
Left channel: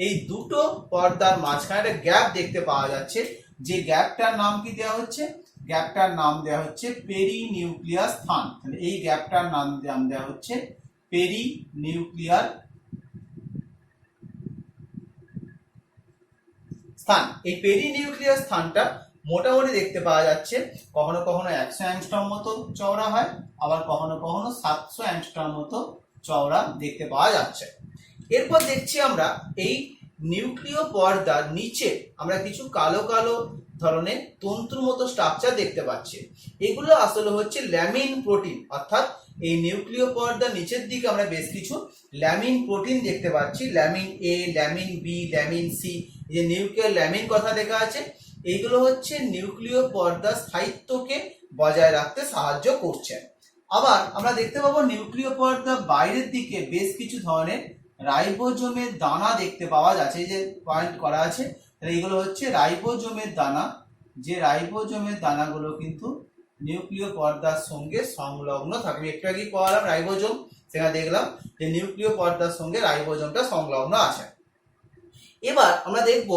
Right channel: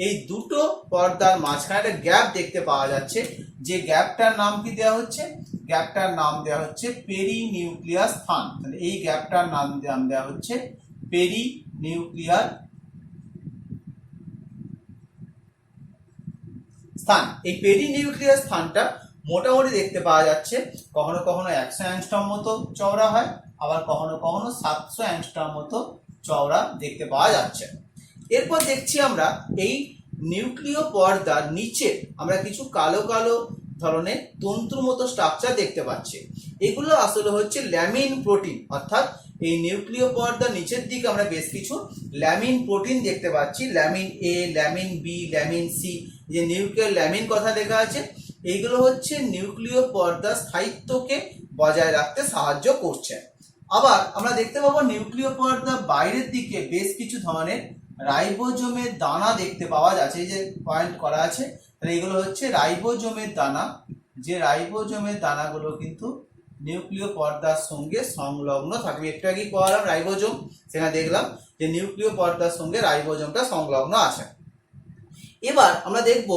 এই দুটো পর্দার মাঝখানে একটা গ্যাপ দেখতে পাওয়া যাচ্ছে, যে গ্যাপটার নাম কি দেওয়া হচ্ছে? গ্যাপটার নাম দেওয়া হচ্ছে পেরিনিউক্লিয়ার স্থান। তাহলে এই গ্যাপটার নাম দেওয়া হচ্ছে পেরিনিউক্লিয়ার স্থান। এই পেরিনিউক্লিয়ার স্থানটা মোটামুটি দেখতে পাওয়া যাচ্ছে কখনো কখনো 100 অ্যাংস্ট্রম মতো চওড়া হয়, আবার কখনো কখনো 700 অ্যাংস্ট্রম মতো চওড়া দেখতে পাওয়া যাচ্ছে। এরপর দেখছি আমরা এই নিউক্লিয় পর্দার নিচে আমরা কিছু কালো কালো ধরনের তন্তুর মতো স্ট্রাকচার দেখতে পাচ্ছি। এগুলো আসলে হচ্ছে ল্যামিন প্রোটিন, অর্থাৎ এই নিউক্লিয় পর্দার নিচের দিকে আমরা বেশ কিছু ল্যামিন প্রোটিন দেখতে পাচ্ছি। ল্যামিন এ, ল্যামিন বি, ল্যামিন সি, যে নিউক্লিয়ার ল্যামিন কথা লেখা আছে, এইগুলো হচ্ছে নিউক্লিয় পর্দার স্থায়িত্বকে বজায় রাখতে সাহায্য করছে। আবার আমরা দেখতে পাবো নিউক্লিয় পর্দার বাইরের দিকে বেশ কিছু ধরনের রাইবোজোমের দানা দেখতে পাওয়া যাচ্ছে, এই যে পয়েন্ট করা আছে, তাহলে এগুলো হচ্ছে রাইবোজোমের দানা। যে রাইবোজোমের দানাগুলো কিন্তু নিউক্লিয় পর্দার সঙ্গে সংলগ্ন থাকবে। একটু আগেই পড়ালাম রাইবোজোম, সেখানে দেখলাম যে নিউক্লিয় পর্দার সঙ্গে রাইবোজোমটা সংলগ্ন আছে। এবার আমরা দেখব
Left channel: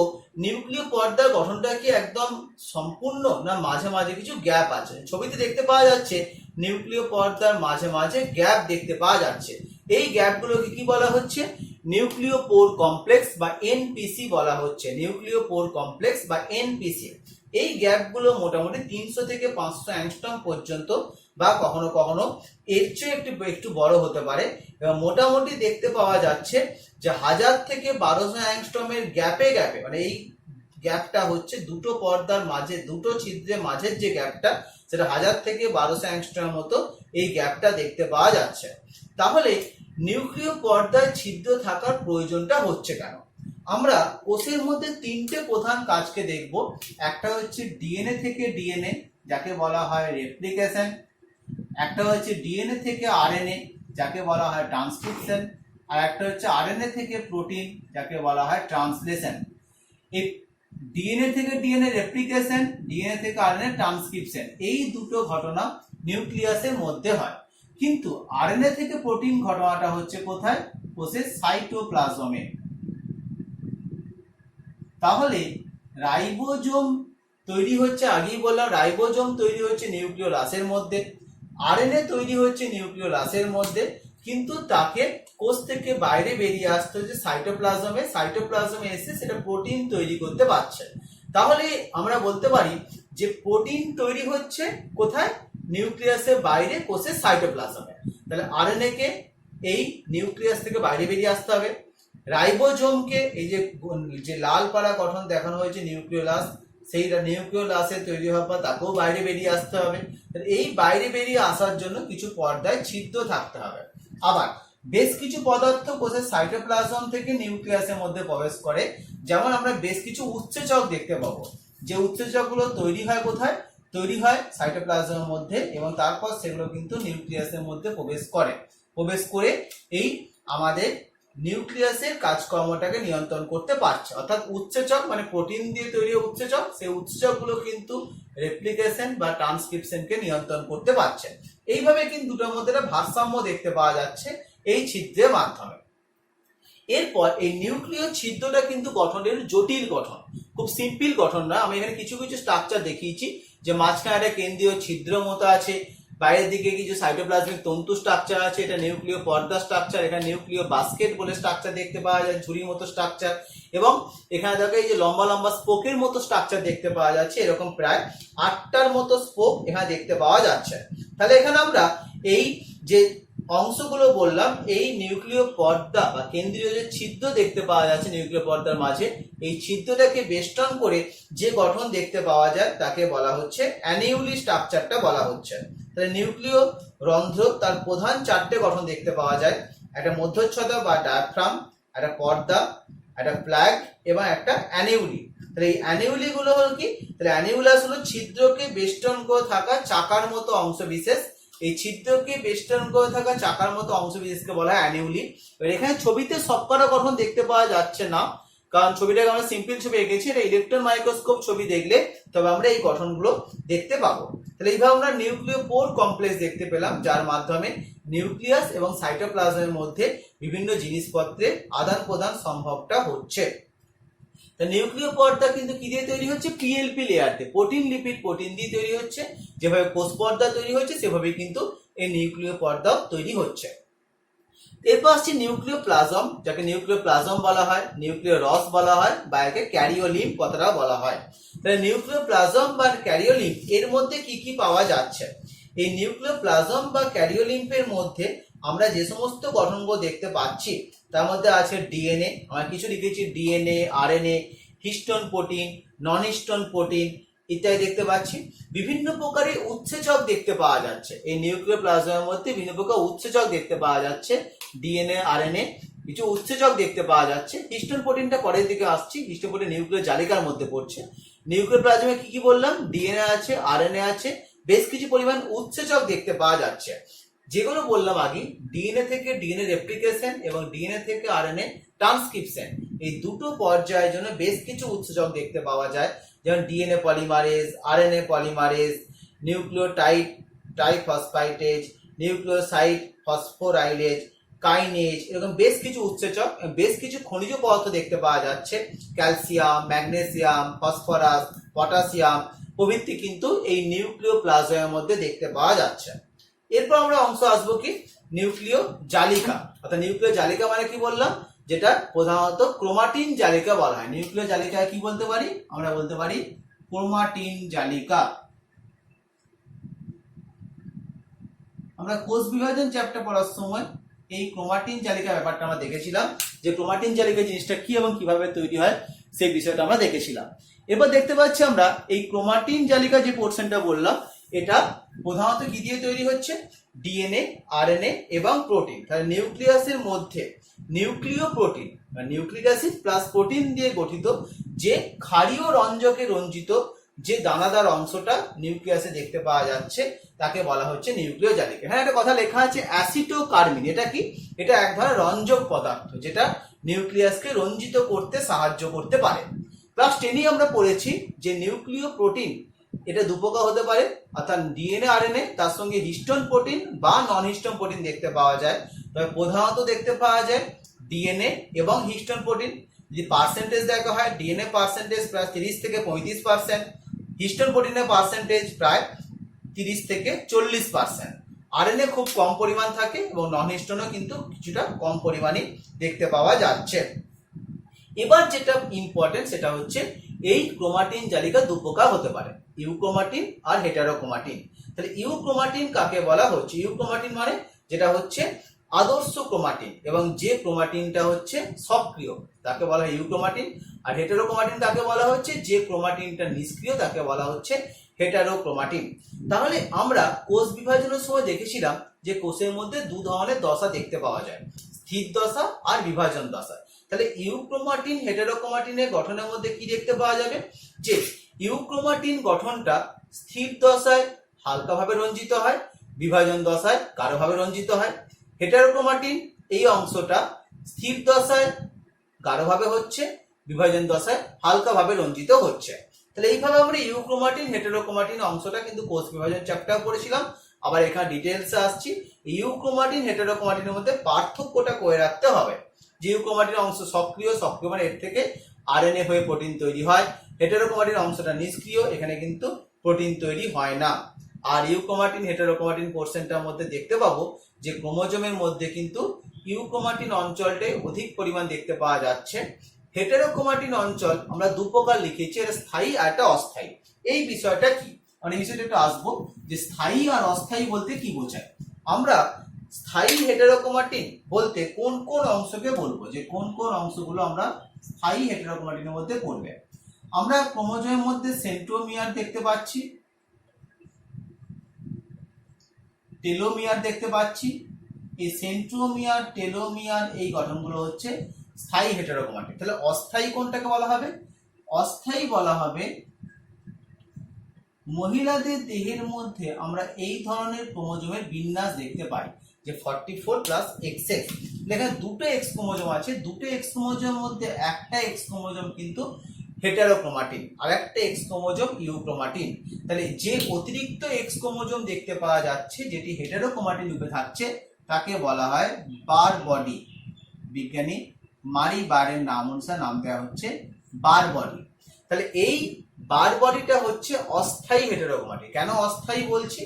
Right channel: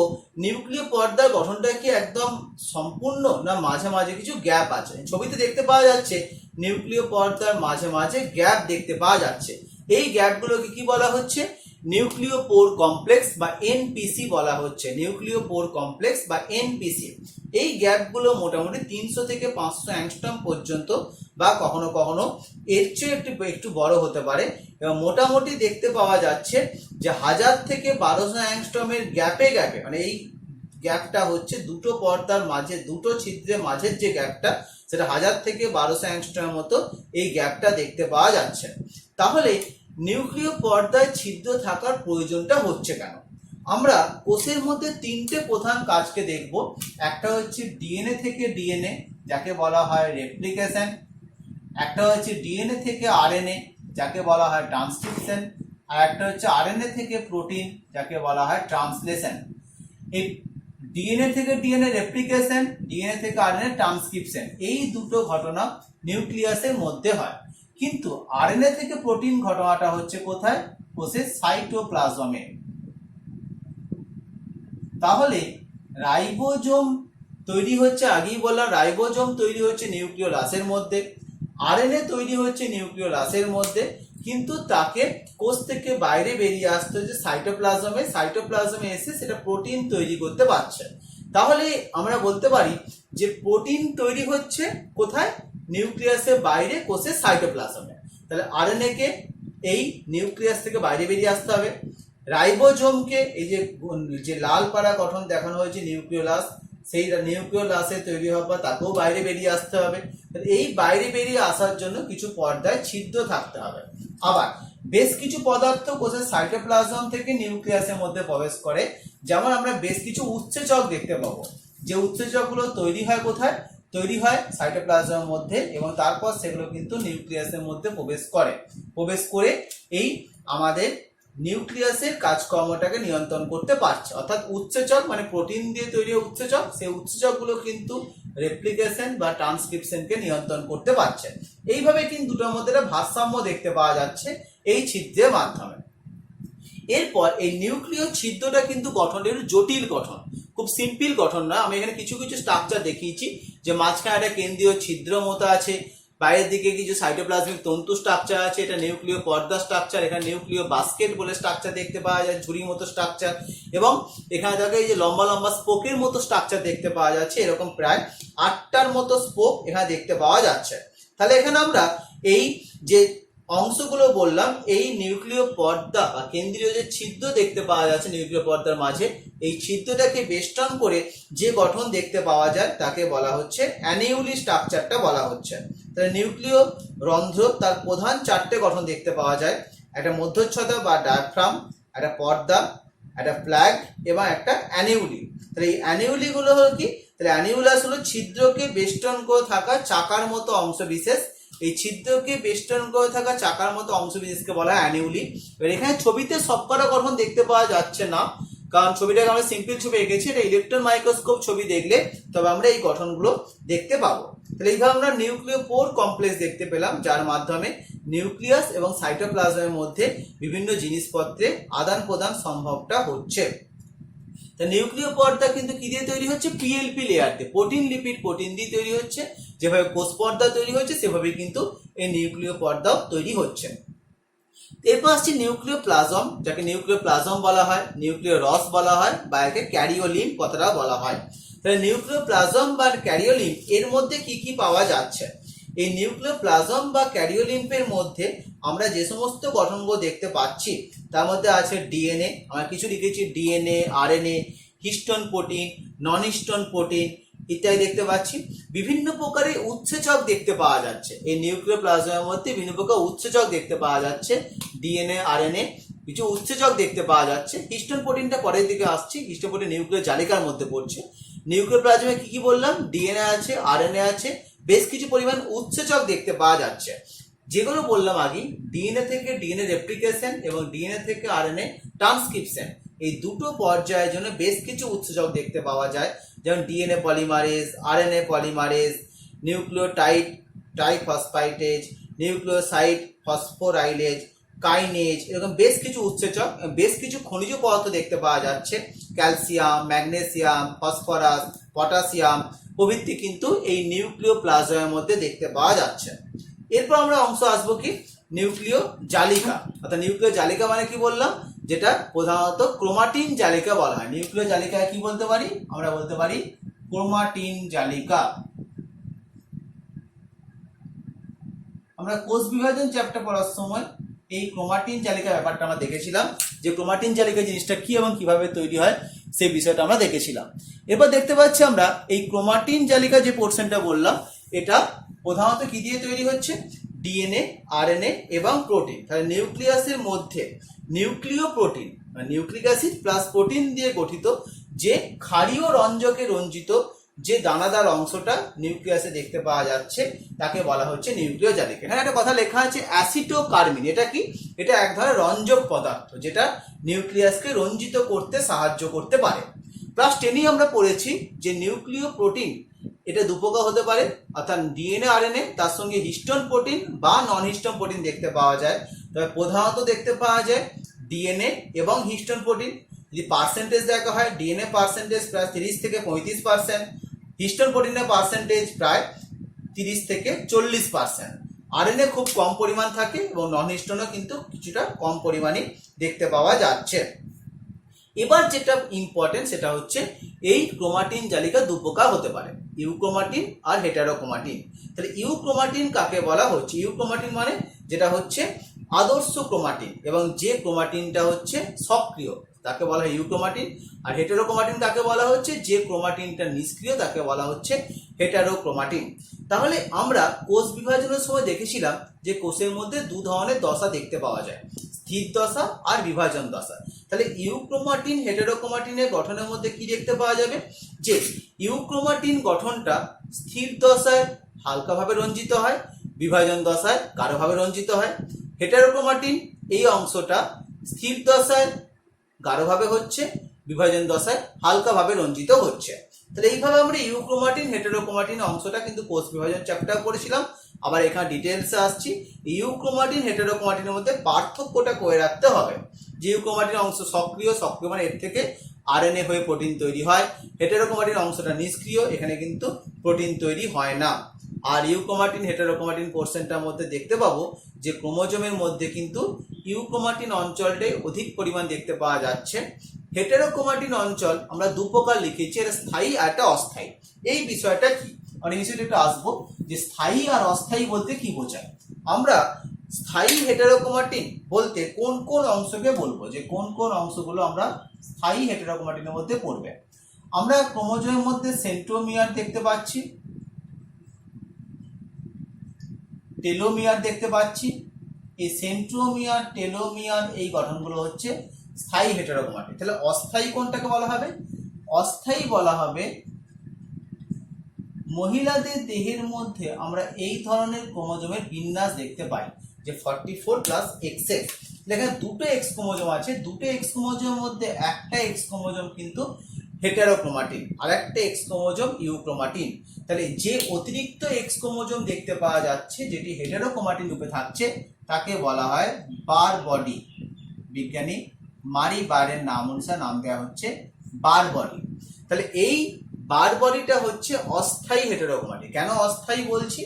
নিউক্লিয় পর্দার গঠনটা কি একদম সম্পূর্ণ না মাঝে মাঝে কিছু গ্যাপ আছে। ছবিতে দেখতে পাওয়া যাচ্ছে নিউক্লিয় পর্দার মাঝে মাঝে গ্যাপ দেখতে পাওয়া যাচ্ছে। এই গ্যাপগুলোকে কি বলা হচ্ছে? নিউক্লিয় পোর কমপ্লেক্স বা এনপিসি বলা হচ্ছে। নিউক্লিয় পোর কমপ্লেক্স বা এনপিসি। এই গ্যাপগুলো মোটামুটি 300 থেকে 500 অ্যাংস্ট্রম পর্যন্ত বা কখনো কখনো এর চেয়ে একটু বড় হতে পারে। এবং মোটামুটি দেখতে পাওয়া যাচ্ছে যে 1000 থেকে 1200 অ্যাংস্ট্রমের গ্যাপে গ্যাপে, মানে এই গ্যাপটা হচ্ছে দুটো পর্দার মাঝে, দুটো ছিদ্রের মাঝের যে গ্যাপটা, সেটা 1000 থেকে 1200 অ্যাংস্ট্রমের মতো এই গ্যাপটা দেখতে পাওয়া যাচ্ছে। তাহলে নিউক্লিয় পর্দায় ছিদ্র থাকার প্রয়োজনটা হচ্ছে কেন? আমরা কোষের মধ্যে 3টে প্রধান কাজকে দেখব। একটা হচ্ছে ডিএনএ থেকে ডিএনএ, যাকে বলা হয় রেপ্লিকেশন। একটা হচ্ছে ডিএনএ থেকে আরএনএ, যাকে বলা হয় ট্রান্সক্রিপশন। আর একটা হচ্ছে আরএনএ থেকে প্রোটিন, যাকে বলা হয় ট্রান্সলেশন। এই ডিএনএ থেকে ডিএনএ রেপ্লিকেশন, ডিএনএ থেকে আরএনএ ট্রান্সক্রিপশন, এই দুটো ঘটনা নিউক্লিয়াসের মধ্যে হয়। কিন্তু আরএনএ থেকে প্রোটিন ঘটনাটা হচ্ছে কোথায়? কোষের সাইটোপ্লাজমে। তাহলে রাইবোজোম তৈরি হচ্ছে, আগেই বললাম রাইবোজোম তৈরি হচ্ছে নিউক্লিওলাসের মধ্যে, আরএনএ তৈরি হচ্ছে নিউক্লিওলাসের মধ্যে, কিন্তু তাকে কোষ থেকে বাইরে বেরিয়ে আসতে হচ্ছে সাইটোপ্লাজমে। সাইটোপ্লাজমে এসে সেটা প্রোটিন তৈরি করতে পারছে। তাহলে আমরা বলতে পারি যে প্রোটিন তৈরি হচ্ছে কোথায়? নিউক্লিয়াসের বাইরে, কোষের সাইটোপ্লাজমে। তাহলে আরএনএ কে এই নিউক্লিয়াস থেকে বাইরে বেরিয়ে আসতে হবে। রাইবোজোমকে এই যে লাল পাড়া গঠন দেখানো হয়েছে নিউক্লিওলাস, সেই নিউক্লিওলাসে তৈরি হওয়ার পর তাকেও বাইরে বেরিয়ে আসতে হবে। এই বাইরে বেরিয়ে আসার জন্য কিছু পর্দায় ছিদ্র থাকতে হবে। আবার বেশ কিছু পদার্থ কোষের সাইটোপ্লাজম থেকে নিউক্লিয়াসের মধ্যে প্রবেশ করে। যেমন আমরা বেশ কিছু উৎসেচক দেখতে পাবো, যে উৎসেচকগুলো তৈরি হয় কোথায়? তৈরি হয় সাইটোপ্লাজমের মধ্যে, এবং তারপর সেগুলো কিন্তু নিউক্লিয়াসের মধ্যে প্রবেশ করে এই আমাদের নিউক্লিয়াসের কাজকর্মটাকে নিয়ন্ত্রণ করতে পারছে। অর্থাৎ উৎসেচক মানে প্রোটিন দিয়ে তৈরি উৎসেচক, সেই উৎসেচকগুলো কিন্তু রেপ্লিকেশন বা ট্রান্সক্রিপশনকে নিয়ন্ত্রণ করতে পারছে। এইভাবে কিন্তু দুটোর মধ্যে ভারসাম্য দেখতে পাওয়া যাচ্ছে এই ছিদ্রের মাধ্যমে। এরপর এই নিউক্লিয় ছিদ্রটা কিন্তু গঠনের জটিল গঠন, খুব সিম্পল গঠন নয়। আমি এখানে কিছু কিছু স্ট্রাকচার দেখিয়েছি, যে মাঝখানে একটা কেন্দ্রীয় ছিদ্র মতো আছে, বাইরের দিকে কিছু সাইটোপ্লাজমিক তন্তু স্ট্রাকচার আছে, এটা নিউক্লিয় পর্দা স্ট্রাকচার, এখানে নিউক্লিয় বাস্কেট বলে স্ট্রাকচার দেখতে পাওয়া যায়, ঝুড়ির মতো স্ট্রাকচার, এবং এখানে দেখো এই যে লম্বা লম্বা স্পোকের মতো স্ট্রাকচার দেখতে পাওয়া যাচ্ছে, এরকম প্রায় 8টার মতো স্পোক এখানে দেখতে পাওয়া যাচ্ছে। তাহলে এখানে আমরা এই যে অংশগুলো বললাম, এই নিউক্লিয় পর্দা বা কেন্দ্রীয় যে ছিদ্র দেখতে পাওয়া যাচ্ছে নিউক্লিয় পর্দার মাঝে, এই ছিদ্রটাকে বেষ্টন করে যে গঠন দেখতে পাওয়া যায় তাকে বলা হচ্ছে অ্যানিউলি স্ট্রাকচারটা বলা হচ্ছে। তাহলে নিউক্লিয় রন্ধ্র তার প্রধান 4টে গঠন দেখতে পাওয়া যায়, একটা মধ্যচ্ছদা বা ডায়াফ্রাম, একটা পর্দা, একটা ফ্ল্যাগ এবং একটা অ্যানিউলি। তাহলে এই অ্যানিউলি গুলো হলো কি, তাহলে অ্যানিউলাস হলো ছিদ্রকে বেষ্টন করে থাকা চাকার মতো অংশ বিশেষ, এই ছিদ্রকে বেষ্টন করে থাকা চাকার মতো অংশ বিশেষকে বলা হয় অ্যানিউলি। এবার এখানে ছবিতে সবকটা গঠন দেখতে পাওয়া যাচ্ছে না, কারণ ছবিটাকে আমরা সিম্পল ছবি এঁকেছি, এটা ইলেকট্রন মাইক্রোস্কোপ ছবি দেখলে তবে আমরা এই গঠনগুলো দেখতে পাবো। তাহলে এইভাবে আমরা নিউক্লিয় পোর কমপ্লেক্স দেখতে পেলাম, যার মাধ্যমে নিউক্লিয়াস এবং সাইটোপ্লাজমের মধ্যে বিভিন্ন জিনিসপত্রের আদান প্রদান সম্ভবটা হচ্ছে। নিউক্লিয় পর্দা কিন্তু কি দিয়ে তৈরি হচ্ছে, পিএলপি লেয়ার দিয়ে, প্রোটিন লিপিড প্রোটিন দিয়ে তৈরি হচ্ছে। যেভাবে কোষ পর্দা তৈরি হচ্ছে সেভাবে কিন্তু এই নিউক্লিয় পর্দাও তৈরি হচ্ছে। এরপর আসছে নিউক্লিয় প্লাজম, যাকে নিউক্লিয় প্লাজম বলা হয়, নিউক্লিয় রস বলা হয়, বা একে ক্যারিওলিম্ফ কথাটা বলা হয়। তাহলে নিউক্লিয় প্লাজম বা ক্যারিওলিম্ফ এর মধ্যে কি কি পাওয়া যাচ্ছে? এই নিউক্লিয় প্লাজম বা ক্যারিওলিম্ফের মধ্যে আমরা যে সমস্ত গঠনগুলো দেখতে পাচ্ছি তার মধ্যে আছে ডিএনএ, আমরা কিছু লিখেছি ডিএনএ, আরএনএ, হিস্টোন প্রোটিন, নন হিস্টোন প্রোটিন ইত্যাদি দেখতে পাচ্ছি। বিভিন্ন প্রকারের উৎসেচক দেখতে পাওয়া যাচ্ছে, এই নিউক্লিয় প্লাজমের মধ্যে বিভিন্ন প্রকার উৎসেচক দেখতে পাওয়া যাচ্ছে, ডিএনএ, আরএনএ কিছু উৎসেচক দেখতে পাওয়া যাচ্ছে। হিস্টোন প্রোটিনটা পরের দিকে আসছি, হিস্টোন প্রোটিন নিউক্লিয় জালিকার মধ্যে পড়ছে। নিউক্লিয় প্লাজমে কি কি বললাম, ডিএনএ আছে, আরএনএ আছে, বেশ কিছু পরিমাণ উৎসেচক দেখতে পাওয়া যাচ্ছে। যেগুলো বললাম আগে, ডিএনএ থেকে ডিএনএ রেপ্লিকেশন এবং ডিএনএ থেকে আরএনএ ট্রান্সক্রিপশন, এই দুটো পর্যায়ের জন্য বেশ কিছু উৎসেচক দেখতে পাওয়া যায়, যেমন DNA polymerase, RNA polymerase, nucleotide triphosphatase, nucleoside phosphorylase, kinase, এরকম বেশ কিছু উৎসেচক, বেশ কিছু খনিজ পদার্থ দেখতে পাওয়া যাচ্ছে, ক্যালসিয়াম, ম্যাগনেসিয়াম, ফসফরাস, পটাশিয়াম প্রভৃতি কিন্তু এই নিউক্লিয় প্লাজমের মধ্যে দেখতে পাওয়া যাচ্ছে। এরপর আমরা অংশ আসবো কি, নিউক্লিয় জালিকা। অর্থাৎ নিউক্লিয় জালিকা মানে কি বললাম, যেটা প্রধানত ক্রোমাটিন জালিকা বলা হয়। নিউক্লিয় জালিকা কি বলতে পারি, আমরা বলতে পারি ক্রোমাটিন জালিকা। আমরা কোষ বিভাজন চ্যাপ্টার পড়ার সময় এই ক্রোমাটিন জালিকা ব্যাপারটা আমরা দেখেছিলাম, যে ক্রোমাটিন জালিকা জিনিসটা কি এবং কিভাবে তৈরি হয় সেই বিষয়টা আমরা দেখেছিলাম। এবার দেখতে পাচ্ছি আমরা এই ক্রোমাটিন জালিকা যে পোর্শনটা বললাম, এটা প্রধানত কি দিয়ে তৈরি হচ্ছে, ডিএনএ, আরএনএ এবং প্রোটিন। তাহলে নিউক্লিয়াসের মধ্যে নিউক্লিয় প্রোটিন বা নিউক্লিক অ্যাসিড প্লাস প্রোটিন দিয়ে গঠিত যে ক্ষারীয় রঞ্জকে রঞ্জিত যে দানাদার অংশটা নিউক্লিয়াসে দেখতে পাওয়া যাচ্ছে তাকে বলা হচ্ছে নিউক্লিয় জালিকা। এখানে একটা কথা লেখা আছে অ্যাসিটোকার্মিন, এটা কি, এটা এক ধরনের রঞ্জক পদার্থ যেটা নিউক্লিয়াসকে রঞ্জিত করতে সাহায্য করতে পারে। ক্লাস 10 আমরা পড়েছি যে নিউক্লিয় প্রোটিন এটা দুপ্রকার হতে পারে, অর্থাৎ ডিএনএ, আরএনএ, তার সঙ্গে হিস্টোন প্রোটিন বা নন হিস্টোন প্রোটিন দেখতে পাওয়া যায়। তবে প্রধানত দেখতে পাওয়া যায় ডিএনএ এবং হিস্টোন প্রোটিন। যদি পার্সেন্টেজ দেখা হয়, ডিএনএ পার্সেন্টেজ প্রায় 30 থেকে 35%, হিস্টোন প্রোটিনের পার্সেন্টেজ প্রায় 30 থেকে 40%। আরএনএ খুব কম পরিমাণ থাকে এবং নন হিস্টোনও কিন্তু কিছুটা কম পরিমাণে দেখতে পাওয়া যাচ্ছে। এবার যেটা ইম্পর্টেন্ট সেটা হচ্ছে এই ক্রোমাটিন জালিকা দুপ্রকার হতে পারে, ইউক্রোমাটিন আর হেটারোক্রোমাটিন। তাহলে ইউক্রোমাটিন কাকে বলা হচ্ছে, ইউক্রোমাটিন মানে যেটা হচ্ছে আদর্শ ক্রোমাটিন এবং যে ক্রোমাটিনটা হচ্ছে সক্রিয় তাকে বলা হয় ইউক্রোমাটিন। আর হেটারোক্রোমাটিন কাকে বলা হচ্ছে, যে ক্রোমাটিনটা নিষ্ক্রিয় তাকে বলা হচ্ছে হেটারোক্রোমাটিন। তাহলে আমরা কোষ বিভাজনের সময় দেখেছিলাম যে কোষের মধ্যে দু ধরনের দশা দেখতে পাওয়া যায়, স্থির দশা আর বিভাজন দশা। তাহলে ইউক্রোমাটিন হেটারোক্রোমাটিনের গঠনের মধ্যে কি দেখতে পাওয়া যাবে, যে ইউক্রোমাটিন গঠনটা স্থির দশায় হালকাভাবে রঞ্জিত হয়, বিভাজন দশায় গাঢ়ভাবে রঞ্জিত হয়। হেটারোক্রোমাটিন এই অংশটা স্থির দশায় গাঢ়ভাবে হচ্ছে, বিভাজন দশায় হালকাভাবে রঞ্জিত হচ্ছে। তাহলে এইভাবে আমরা ইউক্রোমাটিন হেটারোক্রোমাটিন অংশটা কিন্তু কোষ বিভাজন চ্যাপ্টার পড়েছিলাম। আবার এখানে ডিটেলসে আসছি, ইউক্রোমাটিন হেটারোক্রোমাটিনের মধ্যে পার্থক্যটা করে রাখতে হবে। যে ইউক্রোমাটিন অংশ সক্রিয়, সক্রিয় মানে এর থেকে আরএনএ হয়ে প্রোটিন তৈরি হয়। হেটারোক্রোমাটিন অংশটা নিষ্ক্রিয়, এখানে কিন্তু প্রোটিন তৈরি হয় না। আর ইউক্রোমাটিন হেটারোক্রোমাটিন পোর্শনটার মধ্যে দেখতে পাবো যে ক্রোমোজোমের মধ্যে কিন্তু ইউক্রোমাটিন অঞ্চলটাই অধিক পরিমাণ দেখতে পাওয়া যাচ্ছে। হেটারোক্রোমাটিন অঞ্চল আমরা দু প্রকার লিখেছি, এটা স্থায়ী আর একটা অস্থায়ী। এই বিষয়টা কি অনেক বিষয়টা একটু আসবো যে স্থায়ী আর অস্থায়ী বলতে কি বোঝায়। আমরা স্থায়ী হেটারোক্রোমাটিন বলতে কোন কোন অংশকে বলবো, যে কোন কোন অংশগুলো আমরা স্থায়ী হেটারোক্রোমাটিনের মধ্যে পড়বে। আমরা ক্রোমোজোমের মধ্যে সেন্ট্রোমিয়ার দেখতে পাচ্ছি, টেলোমিয়ার দেখতে পাচ্ছি। এই সেন্ট্রোমিয়ার, টেলোমিয়ার এই গঠনগুলো হচ্ছে স্থায়ী হেটারোক্রোমাটিন। তাহলে অস্থায়ী কোনটাকে বলা হবে? অস্থায়ী বলা হবে মহিলাদের দেহের মধ্যে আমরা এই ধরনের ক্রোমোজোমের বিন্যাস দেখতে পাই, যে 44 প্লাস XX। দেখেন দুটো এক্স ক্রোমোজোম আছে, দুটো এক্স ক্রোমোজোমের মধ্যে একটা এক্স ক্রোমোজোম কিন্তু হেটারোক্রোমাটিন আর একটা এক্স ক্রোমোজোম ইউক্রোমাটিন। তাহলে যে অতিরিক্ত এক্স ক্রোমোজোম দেখতে পাওয়া যাচ্ছে যেটি হেটারোক্রোমাটিন রূপে থাকছে তাকে বলা হয় বার বডি। বিজ্ঞানী মারি বারের নাম অনুসারে নাম দেওয়া হচ্ছে বার বডি। তাহলে এই বার বডিটা হচ্ছে অস্থায়ী হেটারোক্রোমাটিন। কেন অস্থায়ী বলছি?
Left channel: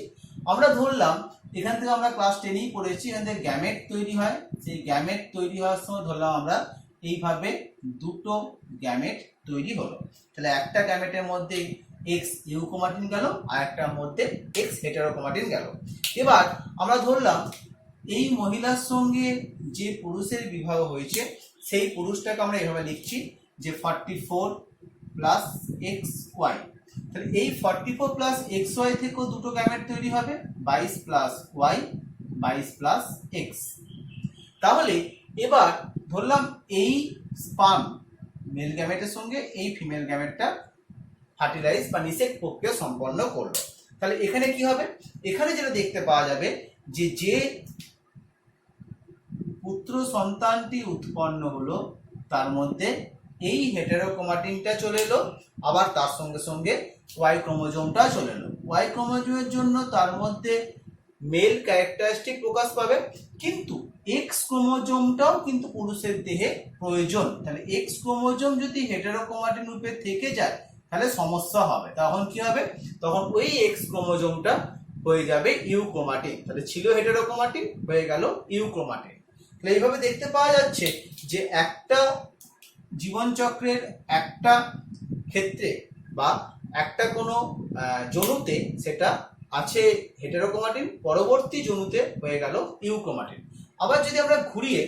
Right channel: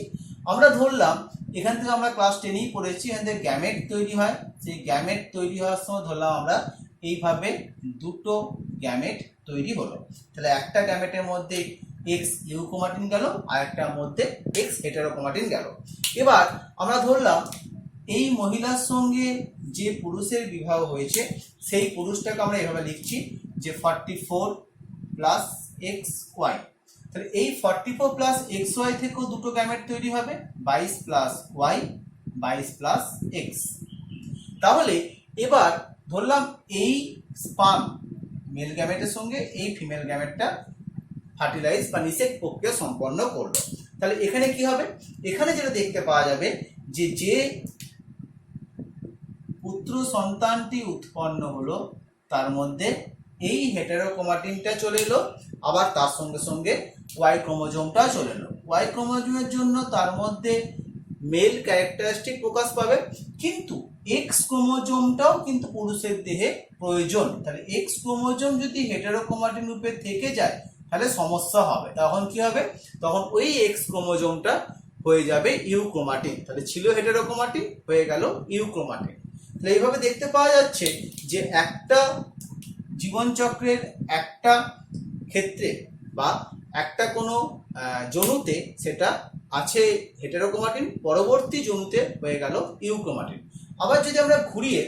আমরা ধরলাম এখান থেকে আমরা ক্লাস 10এই পড়েছি, এখান থেকে গ্যামেট তৈরি হয়। সেই গ্যামেট তৈরি হওয়ার সময় ধরলাম আমরা এইভাবে দুটো গ্যামেট তৈরি হলো। তাহলে একটা গ্যামেটের মধ্যে এক্স ইউক্রোমাটিন গেল আর একটার মধ্যে এক্স হেটারোক্রোমাটিন গেল। এবার আমরা ধরলাম এই মহিলার সঙ্গে যে পুরুষের বিবাহ হয়েছে সেই পুরুষটাকে আমরা এভাবে লিখছি যে 44 প্লাস XY। তাহলে এই 44 প্লাস XY থেকেও দুটো গ্যামেট তৈরি হবে, 22 প্লাস Y, 22 প্লাস X। তাহলে এবার ধরলাম এই স্পার্ম মেল গ্যামেটের সঙ্গে এই ফিমেল গ্যামেটটা ফার্টিলাইজ বা নিষেক প্রক্রিয়া সম্পন্ন করলো। তাহলে এখানে কি হবে? এখানে যেটা দেখতে পাওয়া যাবে যে যে পুত্র সন্তানটি উৎপন্ন হলো তার মধ্যে এই হেটারোক্রোমাটিনটা চলে এলো, আবার তার সঙ্গে সঙ্গে ওয়াই ক্রোমোজোমটা চলে এলো। ওয়াই ক্রোমোজোমের জন্য তার মধ্যে মেল ক্যারেক্টারিস্টিক প্রকাশ পাবে, কিন্তু এক্স ক্রোমোজোমটাও কিন্তু পুরুষের দেহে প্রয়োজন। তাহলে এক্স ক্রোমোজোম যদি হেটারোক্রোমাটিন রূপে থেকে যায় তাহলে সমস্যা হবে। তখন কি হবে? তখন ওই এক্স ক্রোমোজোমটা হয়ে যাবে ইউক্রোমাটিন। তাহলে ছিল হেটারোক্রোমাটিন, হয়ে গেল ইউক্রোমাটিন। তাহলে এইভাবে দেখতে পাওয়া যাচ্ছে যে একটা জীবনচক্রের একটা ক্ষেত্রে বা একটা কোনো জনুতে সেটা আছে হেটারোক্রোমাটিন, পরবর্তী জনুতে হয়ে গেল ইউক্রোমাটিন। আবার যদি আমরা ঘুরিয়ে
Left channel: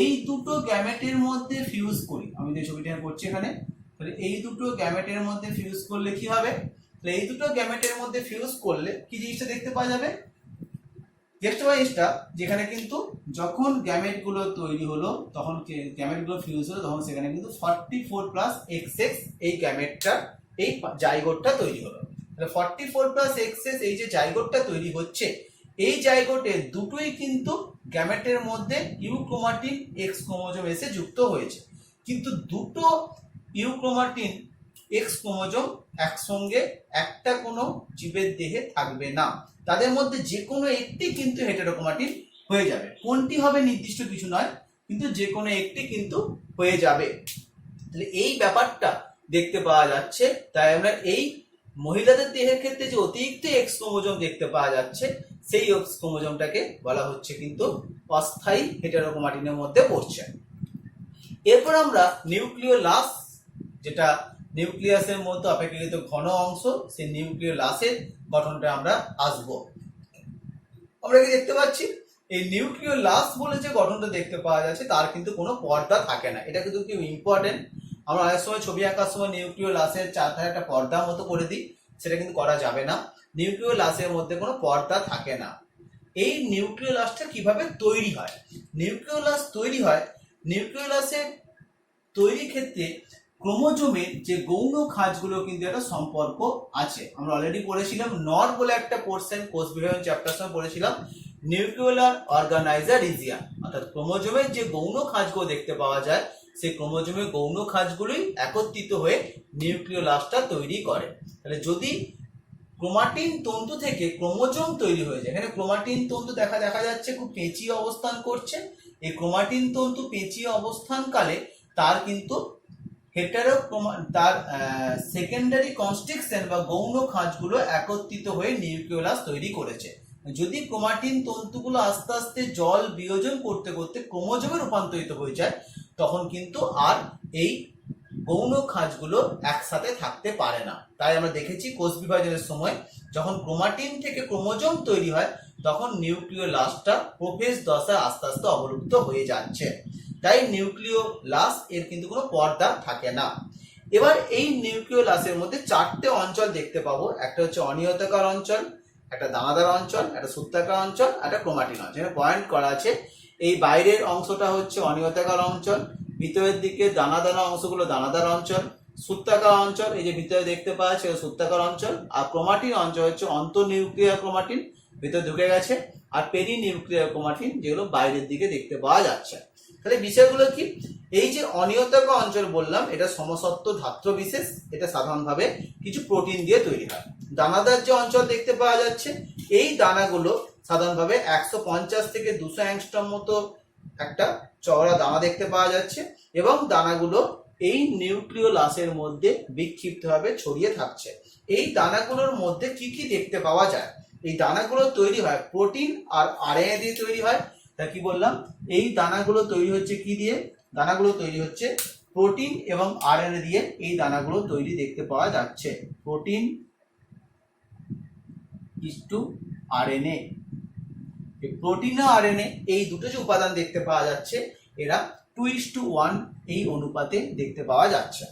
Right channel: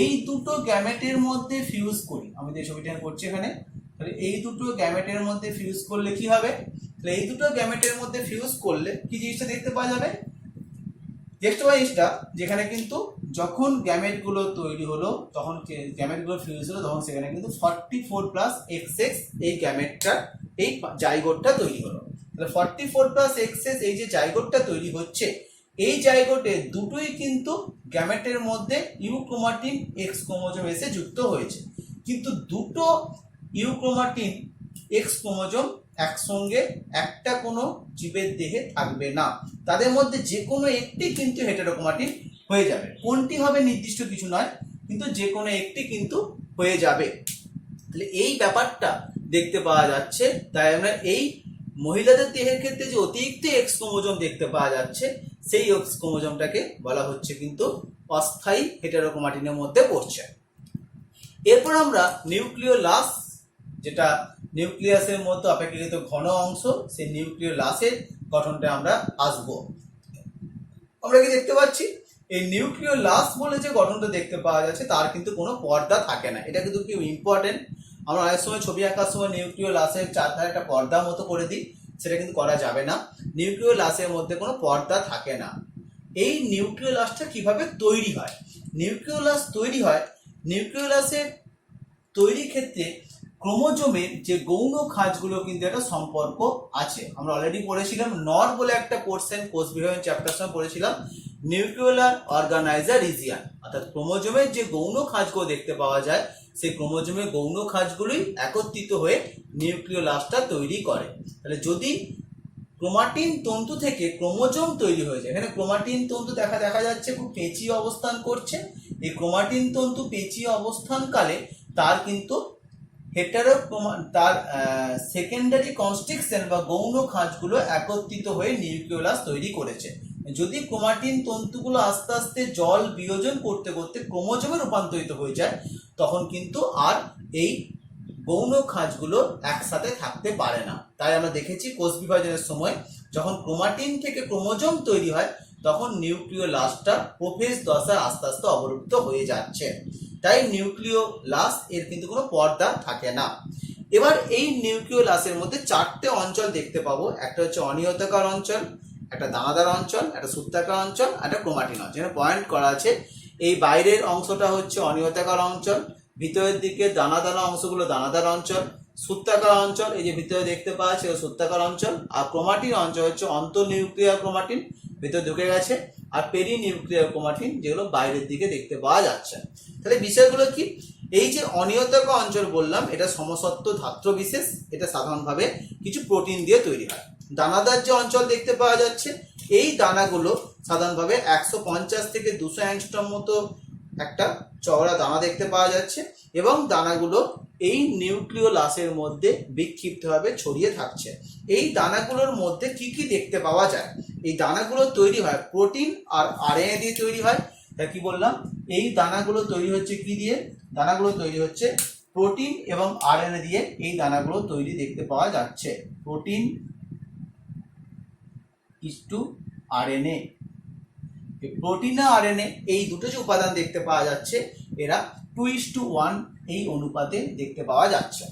এই দুটো গ্যামেটের মধ্যে ফিউজ করি, আমি যে ছবিটা করছি এখানে, তাহলে এই দুটো গ্যামেটের মধ্যে ফিউজ করলে কি হবে? তাহলে এই দুটো গ্যামেটের মধ্যে ফিউজ করলে কি জিনিসটা দেখতে পাওয়া যাবে? দেখতে পাই জিনিসটা যেখানে কিন্তু যখন গ্যামেটগুলো তৈরি হলো তখন গ্যামেটগুলো ফিউজ হলো তখন সেখানে কিন্তু 44 প্লাস XX এই গ্যামেটটা এই জাইগোটটা তৈরি হলো। তাহলে 44 প্লাস XX এই যে জাইগোটটা তৈরি হচ্ছে, এই জাইগোটে দুটোই কিন্তু গ্যামেটের মধ্যে ইউক্রোমাটিন এক্স ক্রোমোজোম এসে যুক্ত হয়েছে, কিন্তু দুটো ইউক্রোমাটিন এক্স ক্রোমোজোম একসঙ্গে একটা কোনো জীবের দেহে থাকবে না, তাদের মধ্যে যে কোনো একটি কিন্তু হেটারোক্রোমাটিন হয়ে যাবে। কোনটি হবে নির্দিষ্ট কিছু নয়, কিন্তু যে কোনো একটি কিন্তু হয়ে যাবে। তাহলে এই ব্যাপারটা দেখতে পাওয়া যাচ্ছে। তাই আমরা এই মহিলাদের দেহের ক্ষেত্রে যে অতিরিক্ত এক্স ক্রোমোজোম দেখতে পাওয়া যাচ্ছে সেই এক্স ক্রোমোজোমটাকে বলা হচ্ছে কিন্তু অস্থায়ী হেটারোক্রোমাটিনের মধ্যে পড়ছে। এরপর আমরা নিউক্লিওলাস, যেটা নিউক্লিয়াসের মধ্যে অপেক্ষাকৃত ঘন অংশ, সেই নিউক্লিওলাসের গঠনটা আমরা আসব। আমরা কি দেখতে পাচ্ছি? এই নিউক্লিওলাস বলে যে গঠনটা দেখতে পাওয়া যাচ্ছে তার কিন্তু কোনো পর্দা থাকে না। এটা কিন্তু খুব ইম্পর্টেন্ট। আমরা অনেক সময় ছবি আঁকার সময় নিউক্লিওলাসের চারধারে একটা পর্দার মতো করে দিই, সেটা কিন্তু করা যাবে না। নিউক্লিওলাসের মধ্যে কোনো পর্দা থাকে না। এই নিউক্লিওলাসটা কিভাবে তৈরি হয়? নিউক্লিওলাস তৈরি হয়, নিউক্লিওলাসের তৈরির ক্ষেত্রে ক্রোমোজোমের যে গৌণ খাঁজগুলো কিন্তু একটা সম্পর্ক আছে। আমরা অলরেডি পড়েছিলাম নর বলে একটা পোর্শন কোষ বিভাজন চ্যাপ্টার সময় পড়েছিলাম, নিউক্লিওলার অর্গানাইজার রিজিয়ন, অর্থাৎ ক্রোমোজোমের যে গৌণ খাঁজগুলো দেখতে পাওয়া যায় সেই ক্রোমোজোমের গৌণ খাঁজগুলোই একত্রিত হয়ে নিউক্লিওলাসটা তৈরি করে। তাহলে যদি ক্রোমাটিন তন্তু থেকে ক্রোমোজোম তৈরি হয়ে যায়, এখানে ক্রোমাটিন তন্তু দেখা যাচ্ছে খুব পেঁচিয়ে অবস্থান করছে। এই ক্রোমাটিন তন্তু পেঁচিয়ে অবস্থানকালে তার কিন্তু তার সেকেন্ডারি কনস্ট্রিকশন বা গৌণ খাঁজগুলো একত্রিত হয়ে নিউক্লিওলাস তৈরি করেছে। যদি ক্রোমাটিন তন্তুগুলো আস্তে আস্তে জল বিয়োজন করতে করতে ক্রোমোজোমে রূপান্তরিত হয়ে যায়, তখন কিন্তু আর এই গৌণ খাঁজগুলো একসাথে থাকতে পারে না। তাই আমরা দেখেছি কোষ বিভাজনের সময় যখন ক্রোমাটিন থেকে ক্রোমোজোম তৈরি হয়, তখন নিউক্লিওলাসটা প্রোফেজ দশায় আস্তে আস্তে অবলুপ্ত হয়ে যাচ্ছে। তাই নিউক্লিওলাস এর কিন্তু কোনো পর্দা থাকে না। এবার এই নিউক্লিওলাসের মধ্যে চারটে অঞ্চল দেখতে পাবো। একটা হচ্ছে অনিয়তাকার অঞ্চল, একটা দানাদার অঞ্চল, একটা সূত্রাকার অঞ্চল, একটা ক্রোমাটিন অঞ্চল। এখানে পয়েন্ট করা আছে, এই বাইরের অংশটা হচ্ছে অনিয়তাকার অঞ্চল, ভিতরের দিকে দানা দানা অংশগুলো দানাদার অঞ্চল, সূত্রাকার অঞ্চল এই যে ভিতরে দেখতে পাওয়া যাচ্ছে সূত্রাকার অঞ্চল, আর ক্রোমাটিন অঞ্চল হচ্ছে অন্তঃনিউক্লিয়ার ক্রোমাটিন, ভিতরে ঢুকে গেছে, আর পেরি নিউক্লিয়ার ক্রোমাটিন যেগুলো বাইরের দিকে দেখতে পাওয়া যাচ্ছে। তাহলে বিষয়গুলো কি, এই যে অনিয়তাকার অঞ্চল বললাম, এটা সমসত্ব ধাত্র বিশেষ, এটা সাধারণভাবে কিছু প্রোটিন দিয়ে তৈরি হয়। দানাদার যে অঞ্চল দেখতে পাওয়া যাচ্ছে, এই দানাগুলো সাধারণভাবে 150 থেকে 200 অ্যাংস্ট্রম মতো একটা চওড়া দানা দেখতে পাওয়া যাচ্ছে, এবং দানাগুলো এই নিউক্লিওলাসের মধ্যে বিক্ষিপ্তভাবে ছড়িয়ে থাকছে। এই দানাগুলোর মধ্যে কি কি দেখতে পাওয়া যায়, এই দানাগুলো তৈরি হয় প্রোটিন আর আরএনএ দিয়ে তৈরি হয়। তা কি বললাম, এই দানাগুলো তৈরি হচ্ছে কি দিয়ে, দানাগুলো তৈরি হচ্ছে প্রোটিন এবং আরএনএ দিয়ে। এই দানাগুলো তৈরি দেখতে পাওয়া যাচ্ছে প্রোটিন ইসটু আরএনএ। প্রোটিন আর আরএনএ এই দুটো যে উপাদান দেখতে পাওয়া যাচ্ছে, এরা 2:1 এই অনুপাতে দেখতে পাওয়া যাচ্ছে।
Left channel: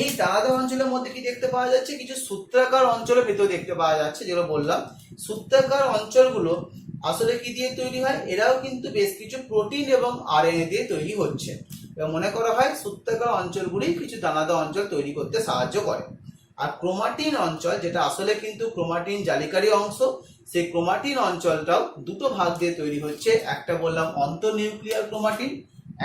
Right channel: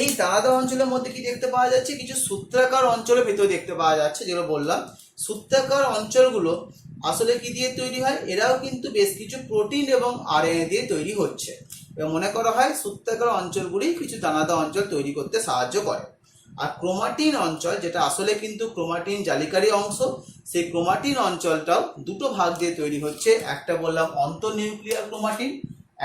এই দানাদার অঞ্চলের মধ্যে কি দেখতে পাওয়া যাচ্ছে, কিছু সূত্রাকার অঞ্চলের ভেতরে দেখতে পাওয়া যাচ্ছে, যেগুলো বললাম সূত্রাকার অঞ্চলগুলো আসলে কি দিয়ে তৈরি হয়, এরাও কিন্তু বেশ কিছু প্রোটিন এবং আরএনএ দিয়ে তৈরি হচ্ছে, এবং মনে করা হয় সূত্রাকার অঞ্চলগুলি কিছু দানাদার অঞ্চল তৈরি করতে সাহায্য করে। আর ক্রোমাটিন অঞ্চল, যেটা আসলে কিন্তু ক্রোমাটিন জালিকারী অংশ, সেই ক্রোমাটিন অঞ্চলটাও দুটো ভাগ দিয়ে তৈরি হচ্ছে। একটা বললাম অন্তঃনিউক্লিয়ার ক্রোমাটিন,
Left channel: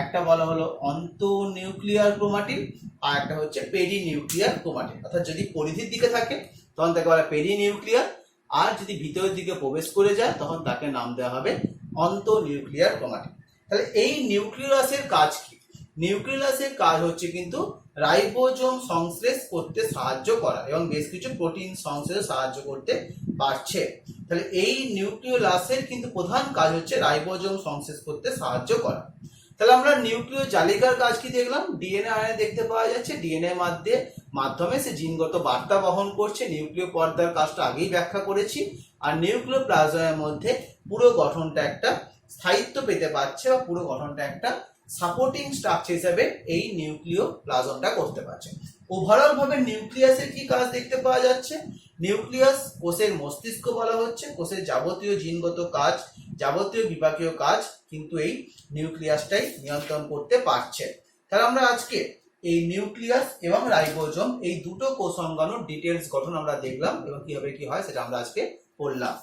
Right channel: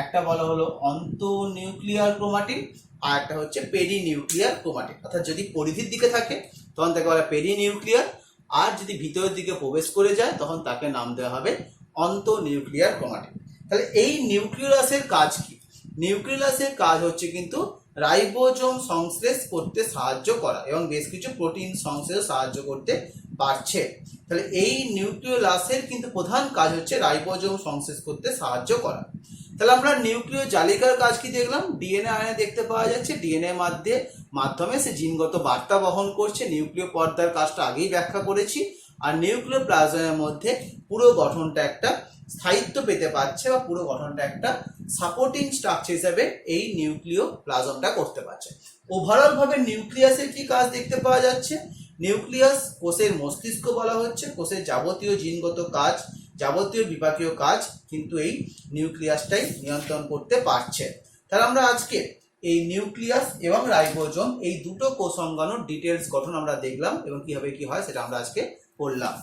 একটা বলা হলো অন্তঃনিউক্লিয়ার ক্রোমাটিন, আর একটা হচ্ছে পেরিনিউক্লিয়ার ক্রোমাটিন। অর্থাৎ যদি পরিধির দিকে থাকে তখন তাকে বলা পেরিনিউক্লিয়ার, আর যদি ভিতরের দিকে প্রবেশ করে যায় তখন তাকে নাম দেওয়া হবে অন্তঃনিউক্লিয়ার ক্রোমাটিন। তাহলে এই নিউক্লিয়াসের কাজ কি, নিউক্লিয়াসের কাজ হচ্ছে কিন্তু রাইবোজোম সংশ্লেষ করতে সাহায্য করা, এবং বেশ কিছু প্রোটিন সংশ্লেষে সাহায্য করতে পারছে। তাহলে এই নিউক্লিওলাসের কিন্তু প্রধান কাজ হচ্ছে রাইবোজোম সংশ্লেষ করতে সাহায্য করা। তাহলে আমরা নিউক্লিয় জালিকার কাজ কি দেখলাম, ডিএনএ আরএনএ দেখতে পাওয়া যাচ্ছে, ডিএনএ মাধ্যমে সে জিনগত বার্তা বহন করছে। নিউক্লিয় পর্দার কাজটা আগেই ব্যাখ্যা করেছি। আর নিউক্লিয় প্লাজমের মধ্যে পুরো গঠনটা একটা স্থায়িত্ব পেতে পারছে, বা পুরো গঠনটা একটা সাপোর্টিং স্ট্রাকচার হিসেবে এই নিউক্লিয় প্লাজমটা করতে পারছে। ওভারঅল ভাবে নিউক্লিয়াসের কি কাজ দেখতে পাওয়া যাচ্ছে, নিউক্লিয়াস কোষের মস্তিষ্ক বলা হচ্ছে, কোষের যাবতীয় জিনগত কাজ, যাবতীয় বিপাকীয় কাজ কিন্তু এই নিউক্লিয়াসটাই নিয়ন্ত্রণ করতে পারছে। তাহলে আমরা আজকে এই নিউক্লিয়াস এবং রাইবোজোম এই দুটো কোষ অঙ্গাণুর ডিটেলস গঠন আমরা দেখলাম, এবং কিভাবে কি হয় সেটা আমরা আজকে পড়লাম।